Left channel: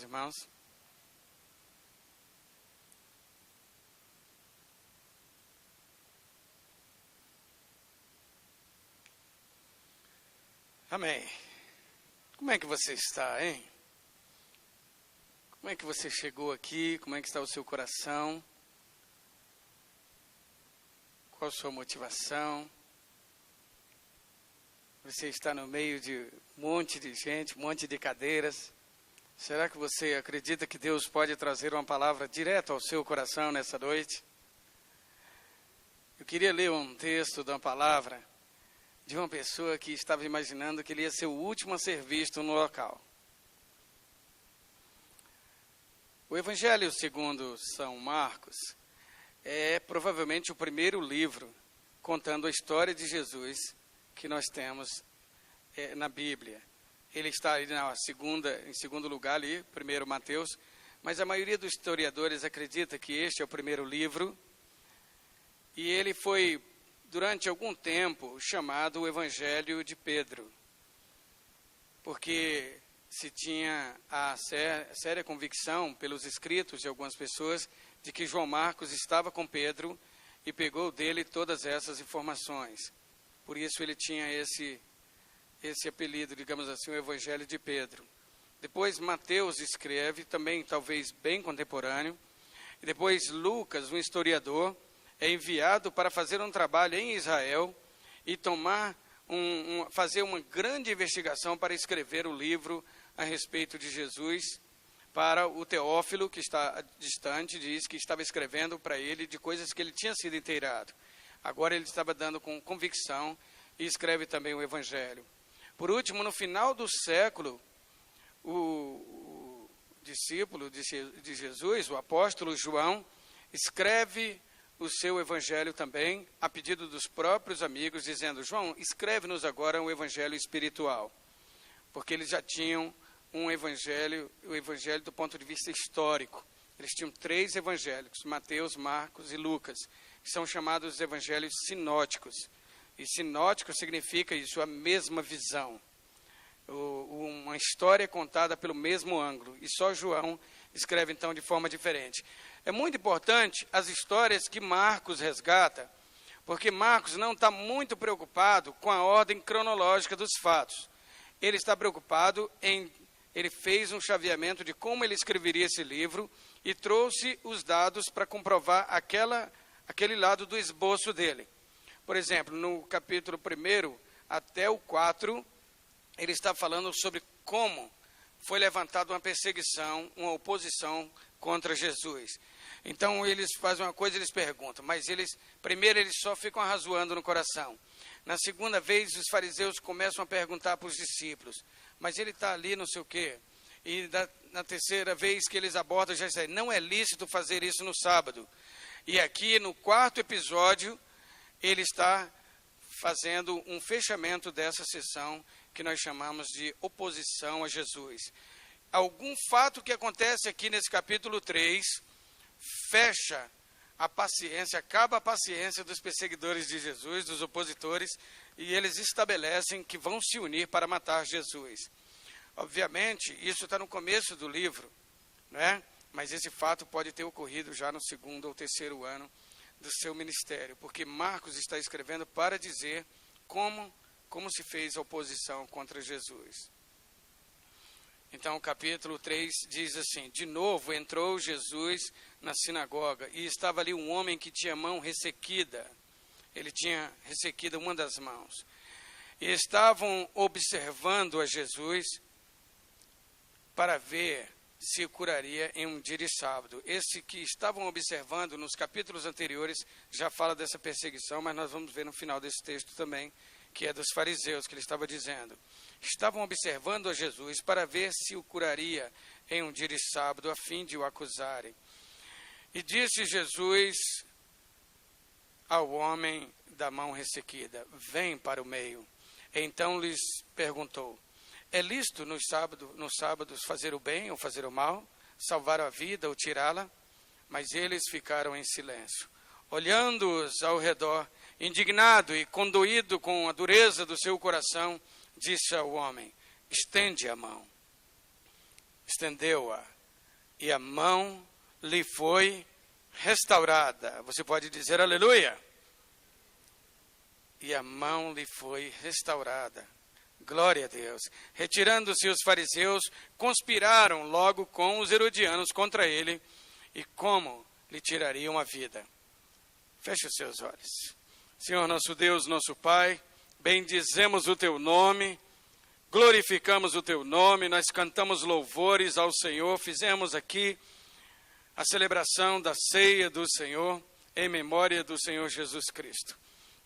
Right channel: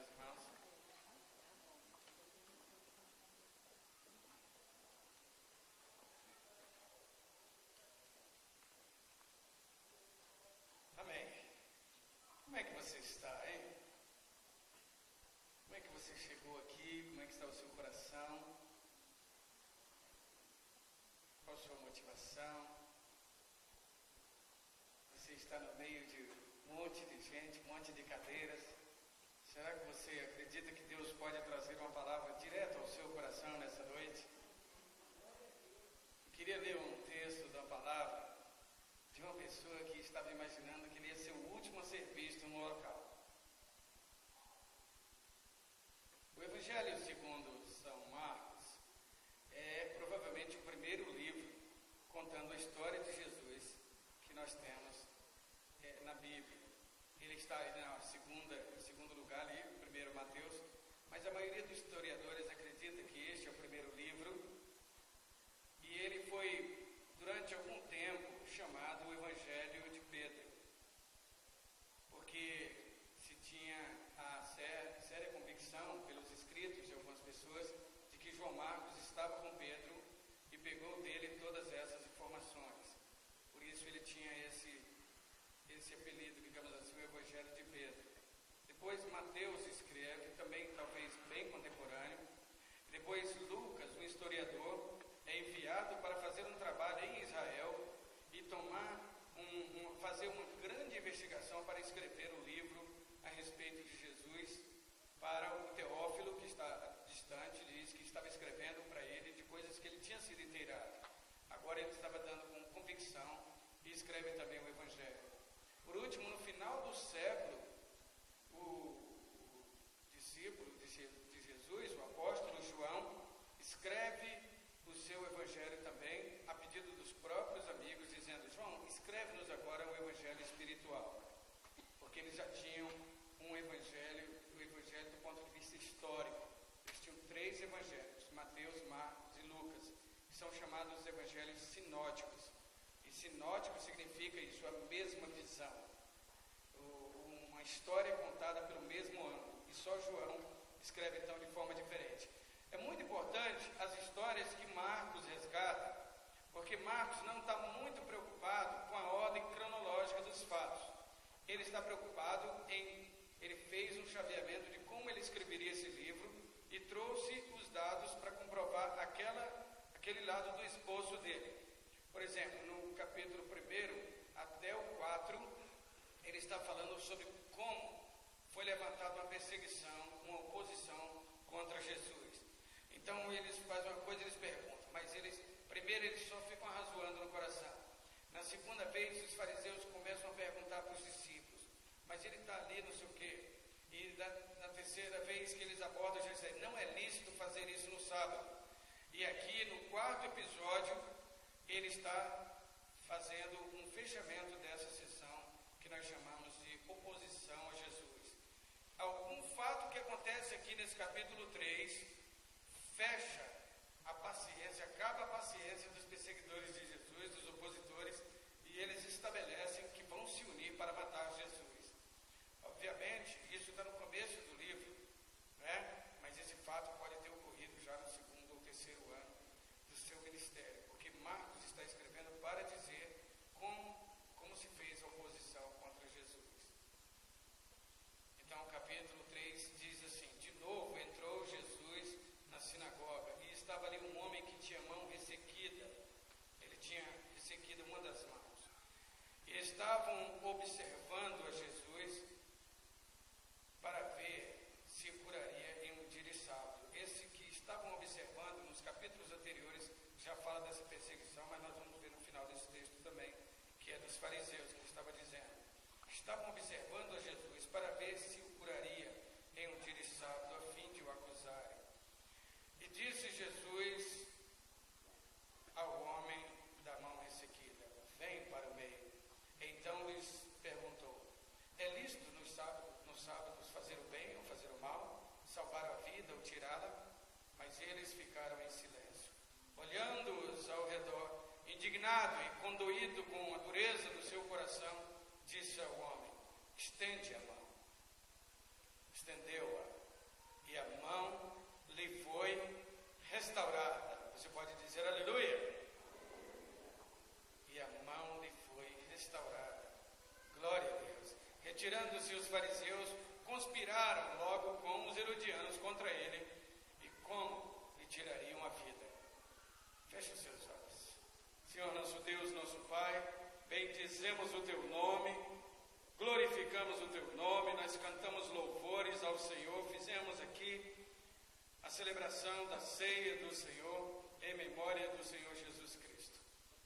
meus irmãos. Amém. Como é que você está, hein? Como é que você chegou aqui? Como é que está o seu coração? Qual a sua motivação? Você está no meio de um monte de gente, um monte de cadeiras. Será que você acredita que Deus pode trazer uma palavra direto ao seu coração nessa noite? Eu queria ler um texto de uma palavra de uma pessoa que estava imaginando que ele ia ser o último a ser visto no local. O Evangelho segundo São Marcos é provavelmente o primeiro livro contando a história de Jesus que nós temos na Bíblia. Ele está ali em segundo lugar ali, primeiro Mateus, mas a maioria dos historiadores acredita que este é o primeiro livro, e ele foi, durante algum tempo, chamado o Evangelho de Pedro, porque se tinha a séria convicção pelos escritos de algumas pessoas de que João Marcos estava com Pedro e pegou dele todas essas informações. Por isso ele tinha esse apelido, digamos assim, o Evangelho de Pedro. Depois Mateus escreve, também talvez bem contemporâneo, e depois Lucas, um historiador, é enviado para fazer um trabalho em Israel e fazer uma grande investigação para escrever o livro a respeito de Jesus para o Teófilo, que está distante, diz que estava escrevendo para ele de coisas que ele tinha sido inteirado. Agora ele estava dando com convicção e escreve também o Evangelho. Por último, no final do século, o discípulo de Jesus, o apóstolo João, escreve o seu Evangelho também, a pedido dos próprios amigos, dizendo: João, escreve-nos agora um Evangelho espiritual, porque eles já tinham o Evangelho do ponto de vista histórico. Eles tinham 3 evangelhos, Mateus, Marcos e Lucas, que são chamados evangelhos sinóticos. E sinótico significa isso, a mesma visão. Uma história contada pelo mesmo ângulo. E só João escreve, então, de forma diferente. É muito importante as histórias que Marcos resgata, porque Marcos não está muito preocupado com a ordem cronológica dos fatos. Ele está preocupado ele fez um chaveamento de como ele escreveria esse livro e trouxe os dados para comprovar aquele lado do esboço dele. Por exemplo, no capítulo 1 até o 4, ele está falando sobre como foi levantada uma perseguição, uma oposição contra Jesus. Então, eles fazem uma coisa, eles perguntam, mas primeiro eles só ficam arrazoando no coração. Na segunda vez, os fariseus começam a perguntar para os discípulos, mas ele está ali, não sei o quê. E na terceira vez que eles abordam, já dizem, não é lícito fazer isso no sábado. E aqui, no 4º episódio, ele está fazendo um fechamento dessa sessão que nós chamamos de oposição a Jesus. Algum fato que acontece aqui nesse capítulo 3 fecha a paciência, acaba a paciência dos perseguidores de Jesus, dos opositores, e eles estabelecem que vão se unir para matar Jesus. Obviamente, isso está no começo do livro, né? Mas esse fato pode ter ocorrido já no 2º ou 3º ano do seu ministério, porque Marcos está escrevendo para dizer como se fez a oposição contra Jesus. Então, o capítulo 3 diz assim: de novo entrou Jesus na sinagoga, e estava ali um homem que tinha mão ressequida. Ele tinha ressequida uma das mãos. E estavam observando a Jesus para ver se curaria em um dia de sábado. Esse que estavam observando nos capítulos anteriores já fala dessa perseguição, mas nós vamos ver no final desse texto também, que é dos fariseus, que ele estava dizendo. Estavam observando a Jesus para ver se o curaria em um dia de sábado, a fim de o acusarem. E disse Jesus ao homem da mão ressequida: vem para o meio. Então lhes perguntou: é lícito nos sábados fazer o bem ou fazer o mal, salvar a vida ou tirá-la? Mas eles ficaram em silêncio, olhando-os ao redor. Indignado e condoído com a dureza do seu coração, disse ao homem: estende a mão. estendeu-a, e a mão lhe foi restaurada. Você pode dizer aleluia? E a mão lhe foi restaurada. Glória a Deus. Retirando-se os fariseus, conspiraram logo com os herodianos contra ele, e como lhe tirariam a vida. Feche os seus olhos. Senhor nosso Deus, nosso Pai, bendizemos o teu nome, glorificamos o teu nome, nós cantamos louvores ao Senhor, fizemos aqui a celebração da ceia do Senhor, em memória do Senhor Jesus Cristo.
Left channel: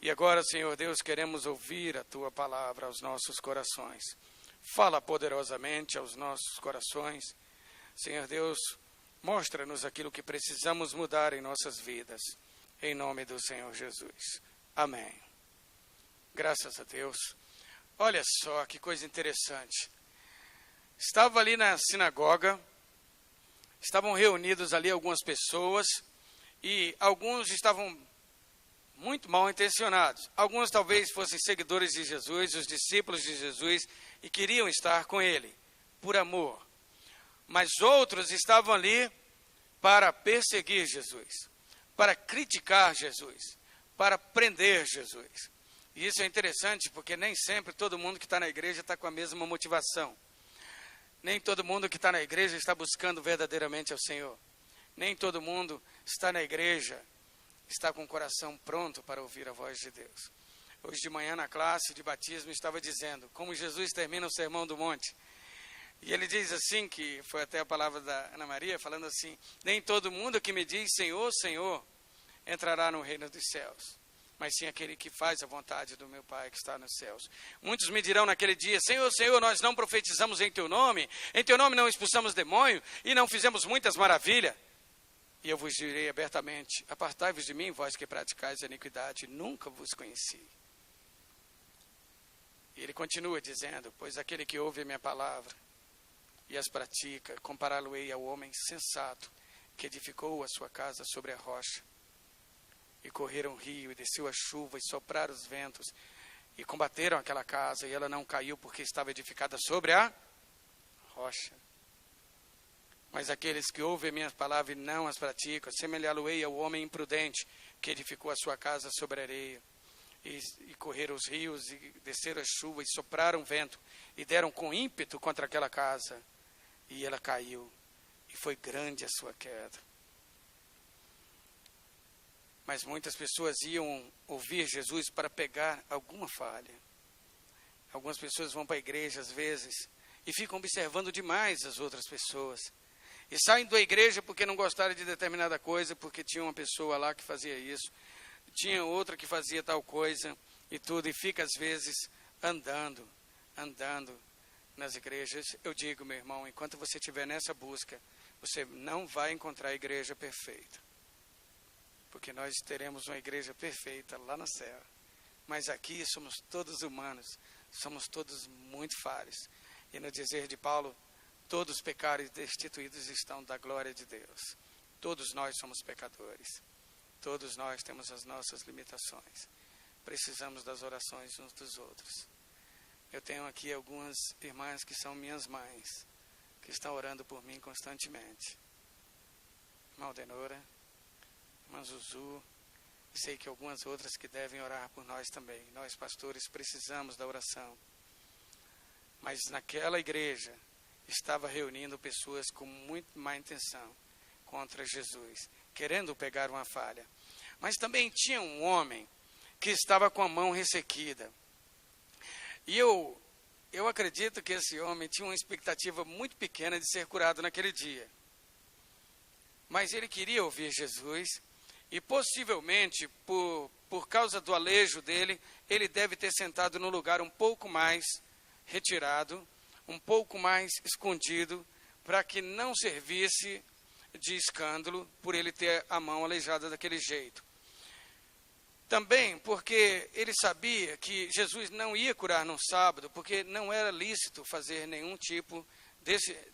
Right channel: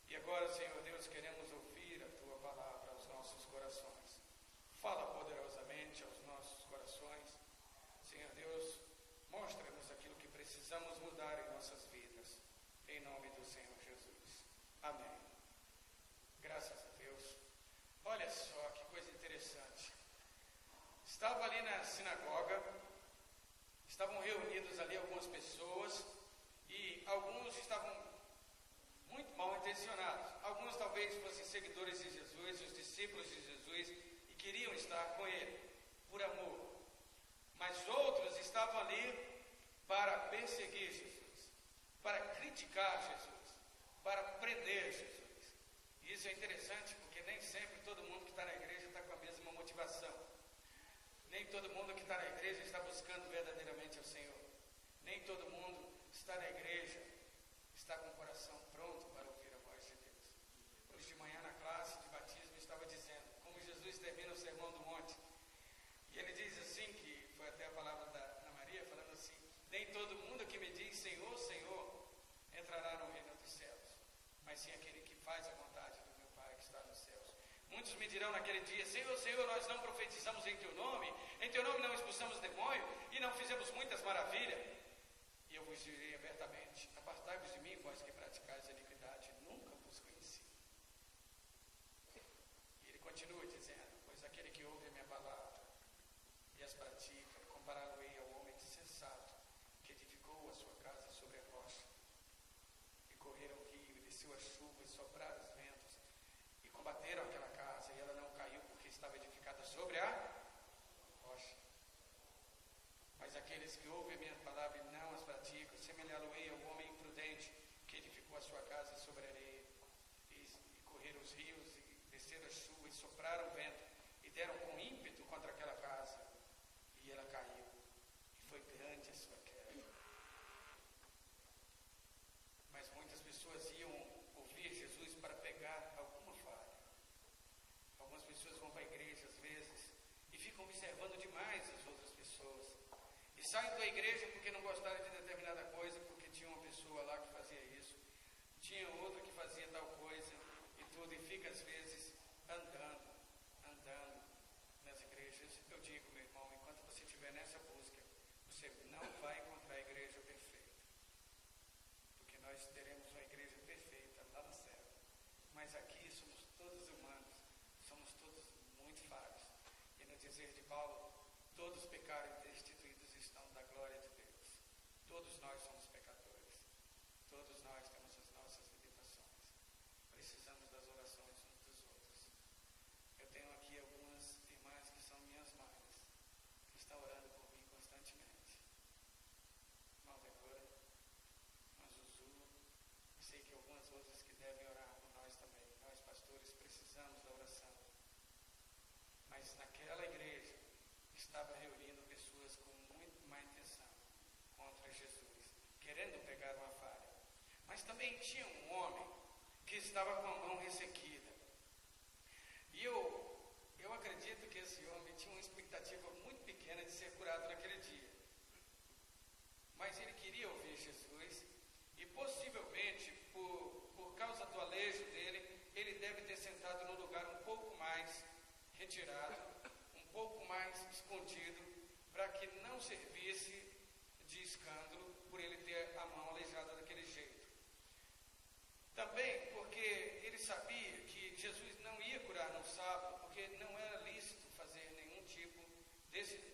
E agora, Senhor Deus, queremos ouvir a tua palavra aos nossos corações. Fala poderosamente aos nossos corações. Senhor Deus, mostra-nos aquilo que precisamos mudar em nossas vidas. Em nome do Senhor Jesus. Amém. Graças a Deus. Olha só que coisa interessante. Estava ali na sinagoga, estavam reunidos ali algumas pessoas, e alguns estavam muito mal intencionados. Alguns talvez fossem seguidores de Jesus, os discípulos de Jesus, e queriam estar com ele, por amor. Mas outros estavam ali para perseguir Jesus, para criticar Jesus, para prender Jesus. E isso é interessante, porque nem sempre todo mundo que está na igreja está com a mesma motivação. Nem todo mundo que está na igreja está buscando verdadeiramente ao Senhor. Nem todo mundo está na igreja, está com o coração pronto para ouvir a voz de Deus. Hoje de manhã na classe de batismo estava dizendo como Jesus termina o Sermão do Monte. E ele diz assim, que foi até a palavra da Ana Maria, falando assim: nem todo mundo que me diz Senhor, Senhor, entrará no reino dos céus, mas sim aquele que faz a vontade do meu Pai que está nos céus. Muitos me dirão naquele dia: Senhor, Senhor, nós não profetizamos em teu nome não expulsamos demônio e não fizemos muitas maravilhas. E eu vos direi abertamente: apartai-vos de mim, vós que praticais a iniquidade, nunca vos conheci. E ele continua dizendo: pois aquele que ouve a minha palavra e as pratica, compará-lo-ei ao homem sensato que edificou a sua casa sobre a rocha. E correram o rio, e desceu a chuva, e sopraram os ventos, e combateram aquela casa, e ela não caiu, porque estava edificada sobre a rocha. Mas aqueles que ouvem minhas palavras e não as praticam, semelhá-lo-ei ao homem imprudente, que edificou a sua casa sobre a areia. E correram os rios, e desceram a chuva, e sopraram o vento, e deram com ímpeto contra aquela casa, e ela caiu, e foi grande a sua queda. Mas muitas pessoas iam ouvir Jesus para pegar alguma falha. Algumas pessoas vão para a igreja às vezes e ficam observando demais as outras pessoas. E saem da igreja porque não gostaram de determinada coisa, porque tinha uma pessoa lá que fazia isso, tinha outra que fazia tal coisa e tudo, e fica às vezes andando nas igrejas. Eu digo, meu irmão, enquanto você estiver nessa busca, você não vai encontrar a igreja perfeita. Porque nós teremos uma igreja perfeita lá no céu. Mas aqui somos todos humanos, somos todos muito falhos. E no dizer de Paulo, todos pecaram e destituídos estão da glória de Deus. Todos nós somos pecadores. Todos nós temos as nossas limitações. Precisamos das orações uns dos outros. Eu tenho aqui algumas irmãs que são minhas mães, que estão orando por mim constantemente. Irmã Aldenora, irmã Zuzu, e sei que algumas outras que devem orar por nós também. Nós, pastores, precisamos da oração. Mas naquela igreja estava reunindo pessoas com muito má intenção contra Jesus, querendo pegar uma falha. Mas também tinha um homem que estava com a mão ressequida. E eu acredito que esse homem tinha uma expectativa muito pequena de ser curado naquele dia. Mas ele queria ouvir Jesus, e possivelmente, por causa do alejo dele, ele deve ter sentado num lugar um pouco mais retirado, um pouco mais escondido, para que não servisse de escândalo por ele ter a mão aleijada daquele jeito. Também porque ele sabia que Jesus não ia curar no sábado, porque não era lícito fazer nenhum tipo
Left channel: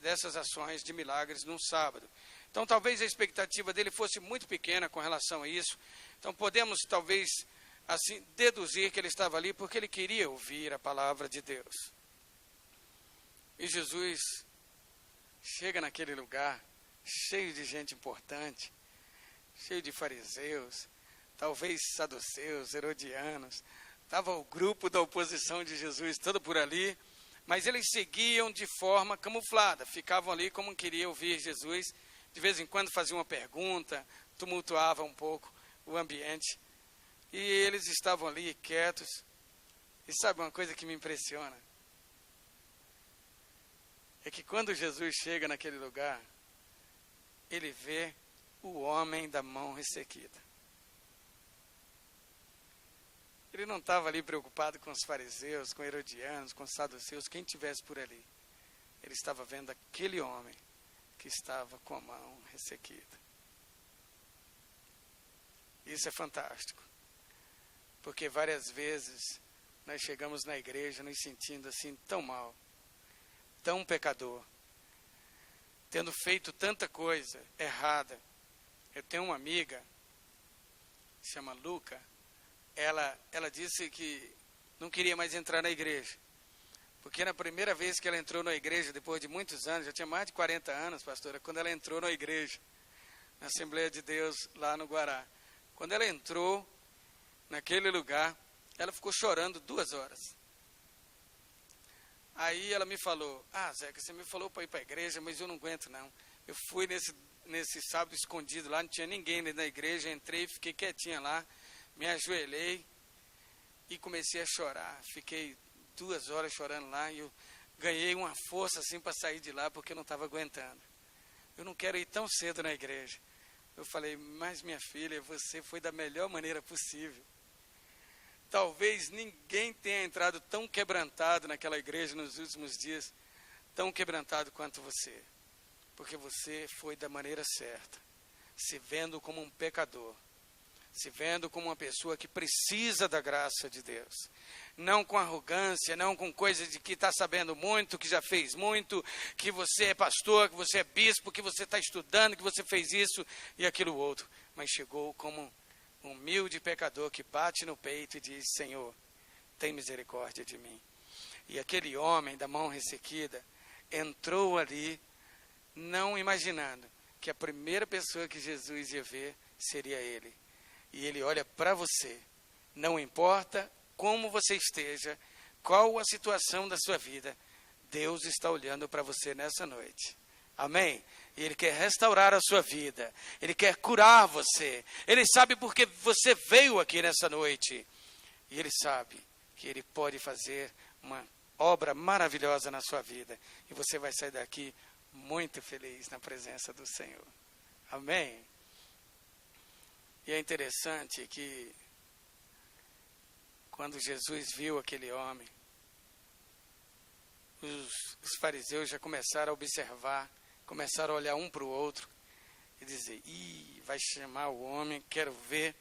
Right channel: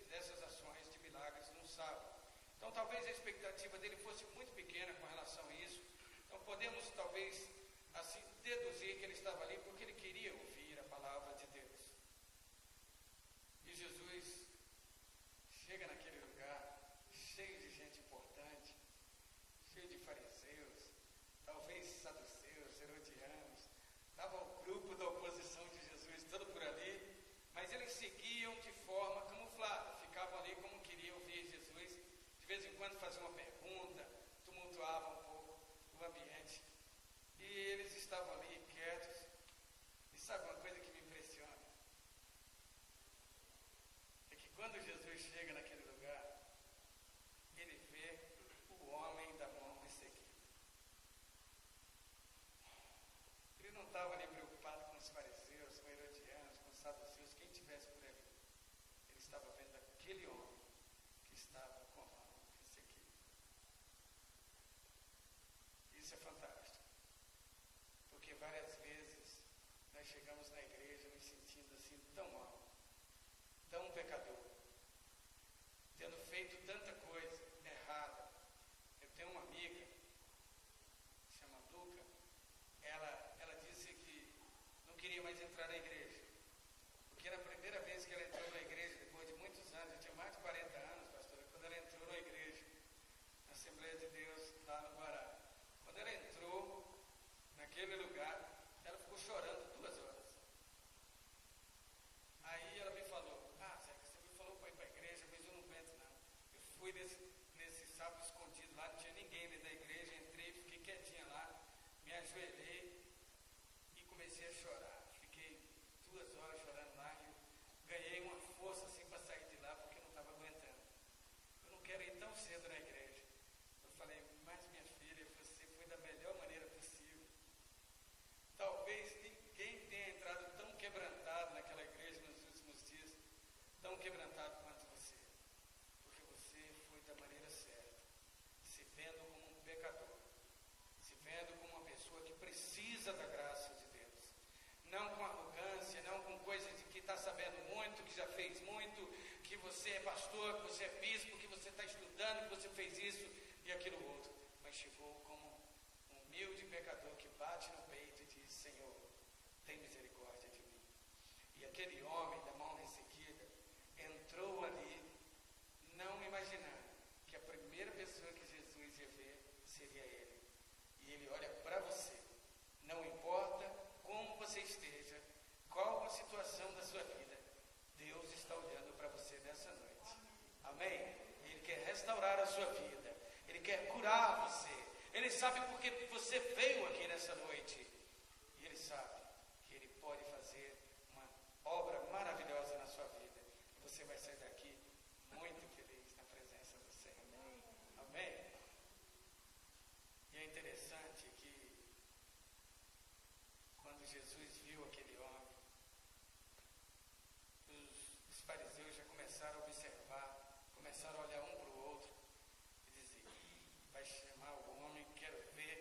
dessas ações de milagres no sábado. Então, talvez a expectativa dele fosse muito pequena com relação a isso. Então, podemos, talvez, assim, deduzir que ele estava ali porque ele queria ouvir a palavra de Deus. E Jesus chega naquele lugar, cheio de gente importante, cheio de fariseus, talvez saduceus, herodianos. Estava o grupo da oposição de Jesus todo por ali, mas eles seguiam de forma camuflada, ficavam ali como queriam ouvir Jesus, de vez em quando faziam uma pergunta, tumultuava um pouco o ambiente, e eles estavam ali quietos. E sabe uma coisa que me impressiona? É que quando Jesus chega naquele lugar, ele vê o homem da mão ressequida. Ele não estava ali preocupado com os fariseus, com herodianos, com os saduceus, quem tivesse por ali. Ele estava vendo aquele homem que estava com a mão ressequida. Isso é fantástico, porque várias vezes nós chegamos na igreja nos sentindo assim tão mal, tão pecador, tendo feito tanta coisa errada. Eu tenho uma amiga, se chama Luca, ela disse que não queria mais entrar na igreja, porque na primeira vez que ela entrou na igreja, depois de muitos anos, já tinha mais de 40 anos, pastora, quando ela entrou na igreja, na Assembleia de Deus, lá no Guará, quando ela entrou naquele lugar, ela ficou chorando 2 horas. Aí ela me falou, Zeca, você me falou para ir para a igreja, mas eu não aguento não. Eu fui nesse sábado escondido lá, não tinha ninguém na igreja, entrei, fiquei quietinha lá, me ajoelhei e comecei a chorar. Fiquei 2 horas chorando lá e eu ganhei uma força assim para sair de lá, porque eu não estava aguentando. Eu não quero ir tão cedo na igreja. Eu falei, mas minha filha, você foi da melhor maneira possível. Talvez ninguém tenha entrado tão quebrantado naquela igreja nos últimos dias, tão quebrantado quanto você. Porque você foi da maneira certa, se vendo como um pecador, se vendo como uma pessoa que precisa da graça de Deus. Não com arrogância, não com coisa de que está sabendo muito, que já fez muito, que você é pastor, que você é bispo, que você está estudando, que você fez isso e aquilo outro. Mas chegou como um humilde pecador que bate no peito e diz, Senhor, tem misericórdia de mim. E aquele homem da mão ressequida entrou ali, não imaginando que a primeira pessoa que Jesus ia ver seria ele. E ele olha para você, não importa como você esteja, qual a situação da sua vida, Deus está olhando para você nessa noite. Amém? E Ele quer restaurar a sua vida, Ele quer curar você, Ele sabe porque você veio aqui nessa noite, e Ele sabe que Ele pode fazer uma obra maravilhosa na sua vida, e você vai sair daqui muito feliz na presença do Senhor. Amém? E é interessante que quando Jesus viu aquele homem, os fariseus já começaram a observar, começaram a olhar um para o outro e dizer, vai chamar o homem, quero ver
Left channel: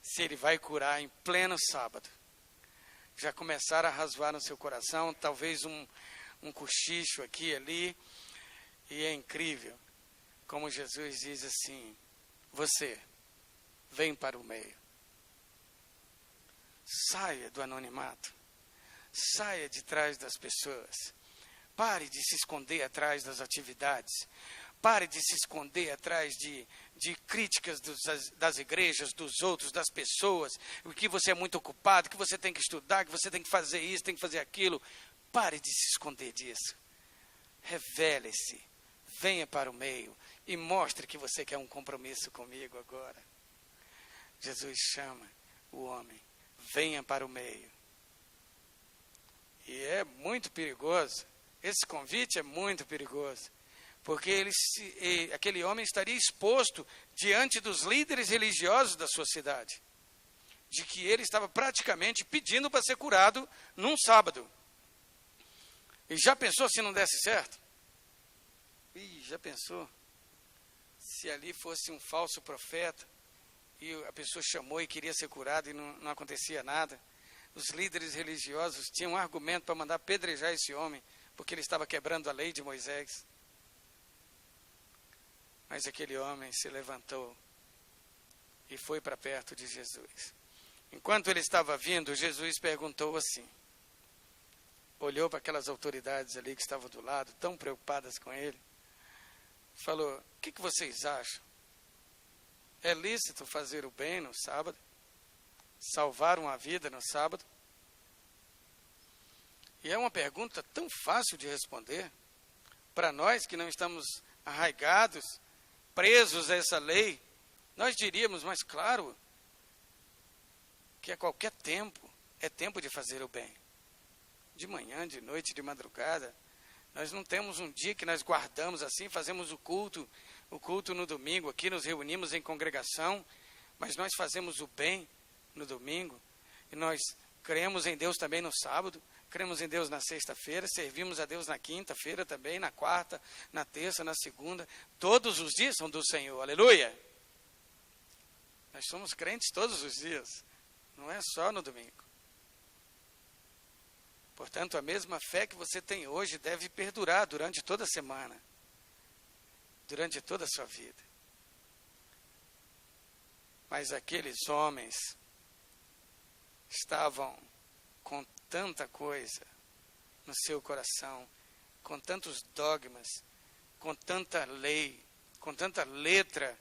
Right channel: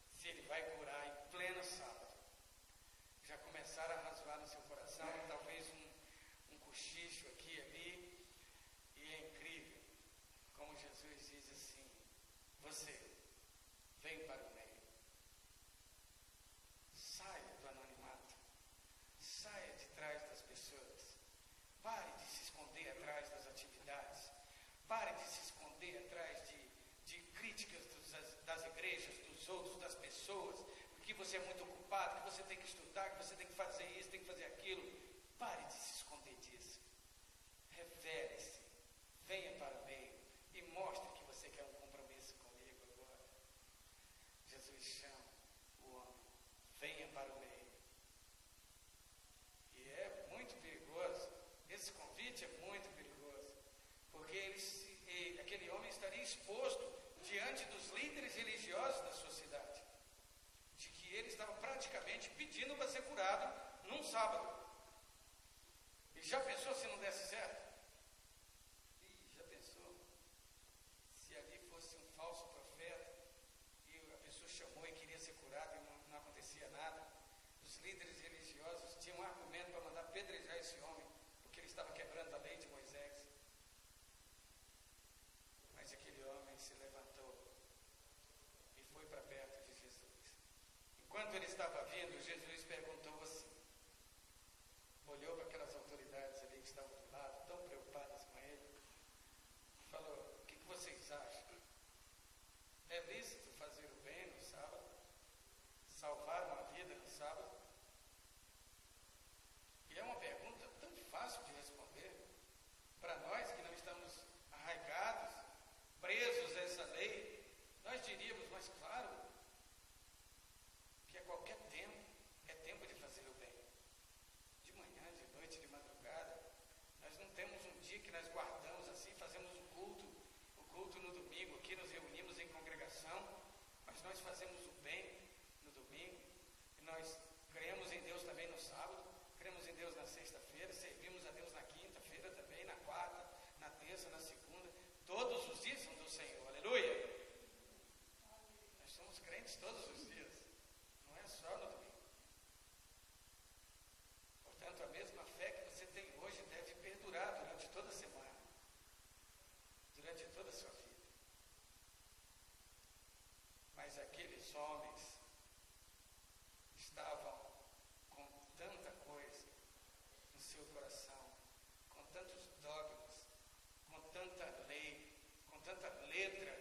se ele vai curar em pleno sábado. Já começaram a rasvar no seu coração, talvez um cochicho aqui e ali, e é incrível como Jesus diz assim, você, vem para o meio. Saia do anonimato, saia de trás das pessoas, pare de se esconder atrás das atividades, pare de se esconder atrás de críticas das igrejas, dos outros, das pessoas, que você é muito ocupado, que você tem que estudar, que você tem que fazer isso, tem que fazer aquilo. Pare de se esconder disso, revele-se, venha para o meio e mostre que você quer um compromisso comigo agora. Jesus chama o homem, venha para o meio. E é muito perigoso, esse convite é muito perigoso, porque aquele homem estaria exposto diante dos líderes religiosos da sua cidade, de que ele estava praticamente pedindo para ser curado num sábado. E já pensou se não desse certo? Já pensou? Se ali fosse um falso profeta, e a pessoa chamou e queria ser curada e não acontecia nada. Os líderes religiosos tinham um argumento para mandar apedrejar esse homem, porque ele estava quebrando a lei de Moisés. Mas aquele homem se levantou e foi para perto de Jesus. Enquanto ele estava vindo, Jesus perguntou assim, olhou para aquelas autoridades ali que estavam do lado, tão preocupadas com ele, falou: o que vocês acham? É lícito fazer o bem no sábado? Salvar uma vida no sábado? E é uma pergunta tão fácil de responder. Para nós que não estamos arraigados, presos a essa lei, nós diríamos, mas claro, que a qualquer tempo é tempo de fazer o bem. De manhã, de noite, de madrugada. Nós não temos um dia que nós guardamos assim, fazemos o culto no domingo, aqui nos reunimos em congregação, mas nós fazemos o bem no domingo, e nós cremos em Deus também no sábado, cremos em Deus na sexta-feira, servimos a Deus na quinta-feira também, na quarta, na terça, na segunda, todos os dias são do Senhor, aleluia! Nós somos crentes todos os dias, não é só no domingo. Portanto, a mesma fé que você tem hoje deve perdurar durante toda a semana, durante toda a sua vida. Mas aqueles homens estavam com tanta coisa no seu coração, com tantos dogmas, com tanta lei, com tanta letra,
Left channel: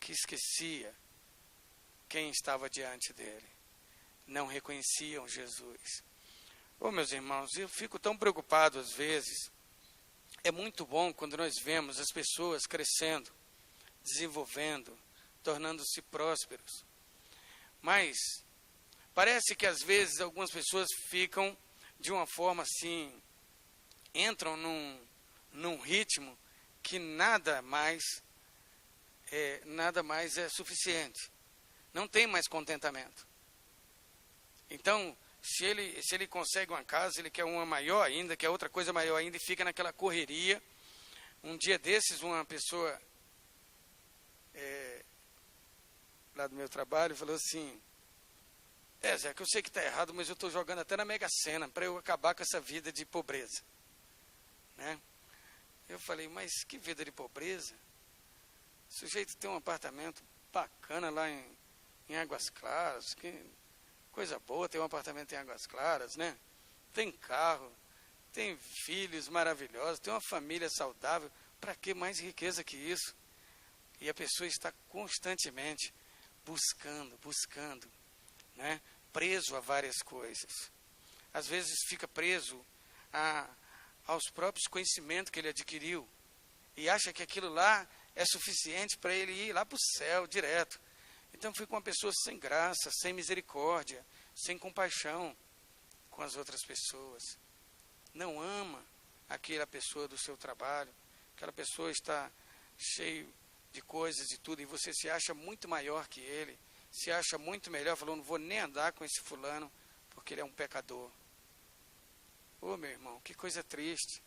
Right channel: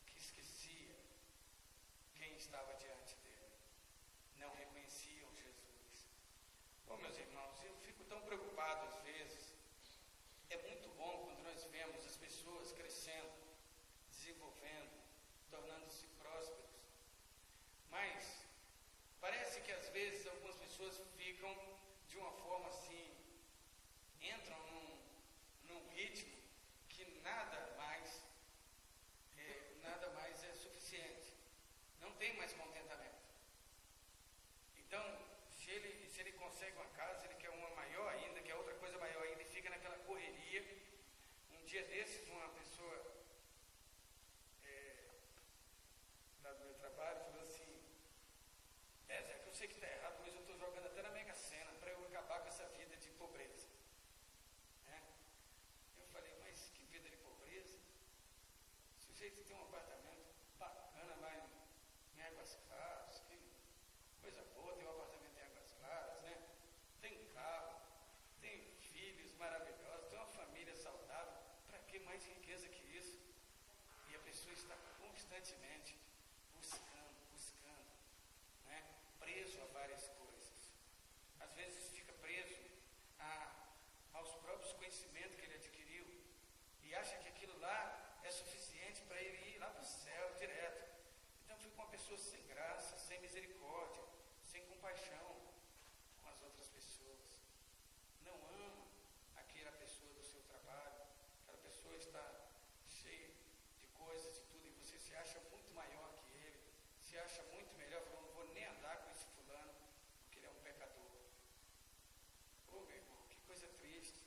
que esquecia quem estava diante dele. Não reconheciam Jesus. Oh, meus irmãos, eu fico tão preocupado às vezes. É muito bom quando nós vemos as pessoas crescendo, desenvolvendo, tornando-se prósperos. Mas parece que às vezes algumas pessoas ficam de uma forma assim, entram num ritmo que nada mais é suficiente. Não tem mais contentamento. Então, se ele consegue uma casa, ele quer uma maior ainda, quer outra coisa maior ainda, e fica naquela correria. Um dia desses, uma pessoa lá do meu trabalho falou assim: Zé, que eu sei que está errado, mas eu estou jogando até na Mega Sena para eu acabar com essa vida de pobreza. Né? Eu falei: mas que vida de pobreza? O sujeito tem um apartamento bacana lá em Águas Claras, que coisa boa, tem um apartamento em Águas Claras, né? Tem carro, tem filhos maravilhosos, tem uma família saudável. Para que mais riqueza que isso? E a pessoa está constantemente buscando, né? Preso a várias coisas. Às vezes fica preso aos próprios conhecimentos que ele adquiriu e acha que aquilo lá é suficiente para ele ir lá para o céu direto. Então fica uma pessoa sem graça, sem misericórdia, sem compaixão com as outras pessoas. Não ama aquela pessoa do seu trabalho, aquela pessoa está cheia de coisas e tudo, e você se acha muito maior que ele, se acha muito melhor, falou: não vou nem andar com esse fulano, porque ele é um pecador. Ô, meu irmão, que coisa triste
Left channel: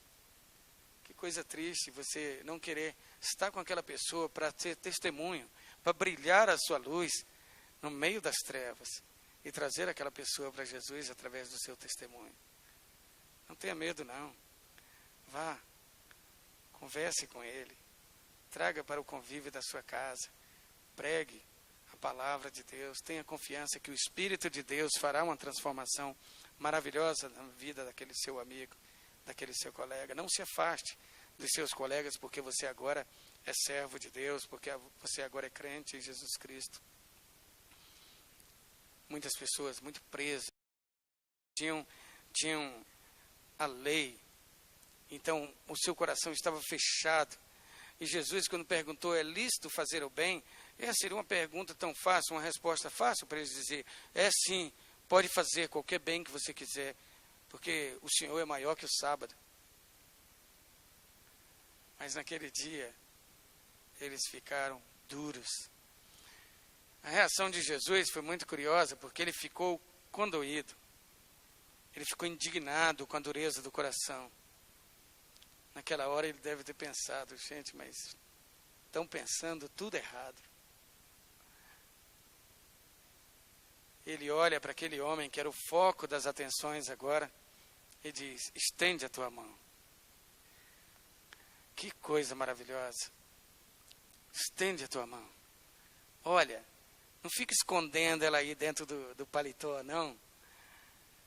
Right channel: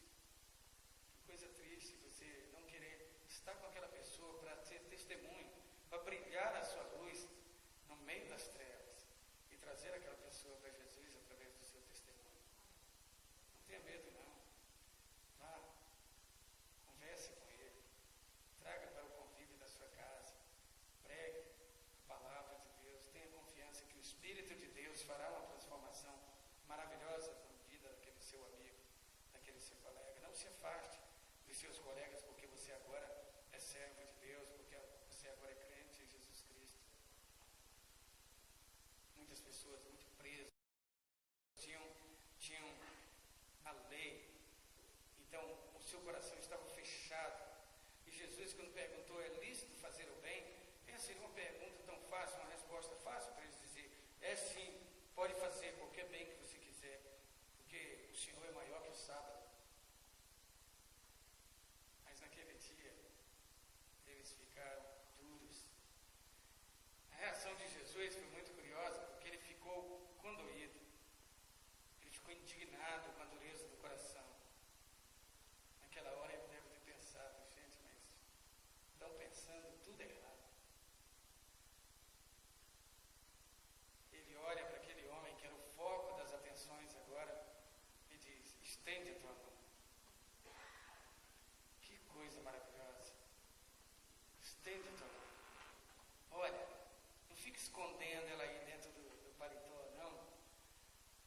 você não querer estar com aquela pessoa para ser testemunho, para brilhar a sua luz no meio das trevas e trazer aquela pessoa para Jesus através do seu testemunho. Não tenha medo, não. Vá, converse com ele, traga para o convívio da sua casa, pregue a palavra de Deus, tenha confiança que o Espírito de Deus fará uma transformação maravilhosa na vida daquele seu amigo, daquele seu colega. Não se afaste dos seus colegas porque você agora é servo de Deus, porque você agora é crente em Jesus Cristo. Muitas pessoas muito presas, tinham a lei, então o seu coração estava fechado. E Jesus, quando perguntou: é lícito fazer o bem? Essa seria uma pergunta tão fácil, uma resposta fácil para eles dizer: é sim, pode fazer qualquer bem que você quiser, porque o Senhor é maior que o sábado. Mas naquele dia, eles ficaram duros. A reação de Jesus foi muito curiosa, porque ele ficou condoído. Ele ficou indignado com a dureza do coração. Naquela hora ele deve ter pensado: gente, mas estão pensando tudo errado. Ele olha para aquele homem que era o foco das atenções agora e diz: estende a tua mão. Que coisa maravilhosa. Estende a tua mão. Olha, não fica escondendo ela aí dentro do paletó, não.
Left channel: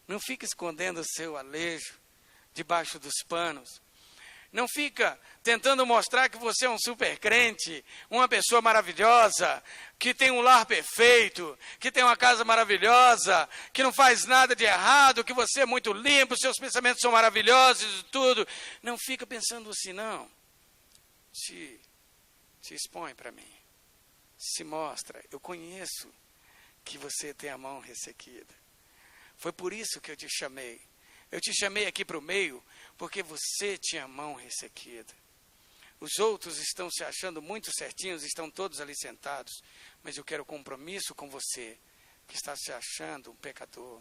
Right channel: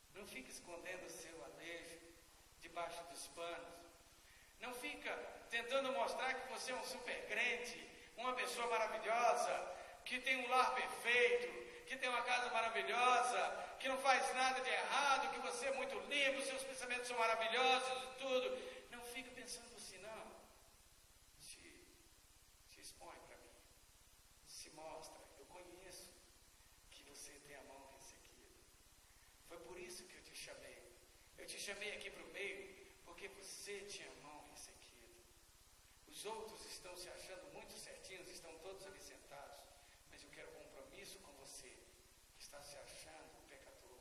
Não fica escondendo o seu alejo debaixo dos panos. Não fica tentando mostrar que você é um super crente, uma pessoa maravilhosa, que tem um lar perfeito, que tem uma casa maravilhosa, que não faz nada de errado, que você é muito limpo, seus pensamentos são maravilhosos e tudo. Não fica pensando assim, não. Se expõe para mim. Se mostra. Eu conheço que você tem a mão ressequida. Foi por isso que eu te chamei. Eu te chamei aqui para o meio, porque você tinha a mão ressequida. Os outros estão se achando muito certinhos, estão todos ali sentados, mas eu quero compromisso com você, que está se achando um pecador.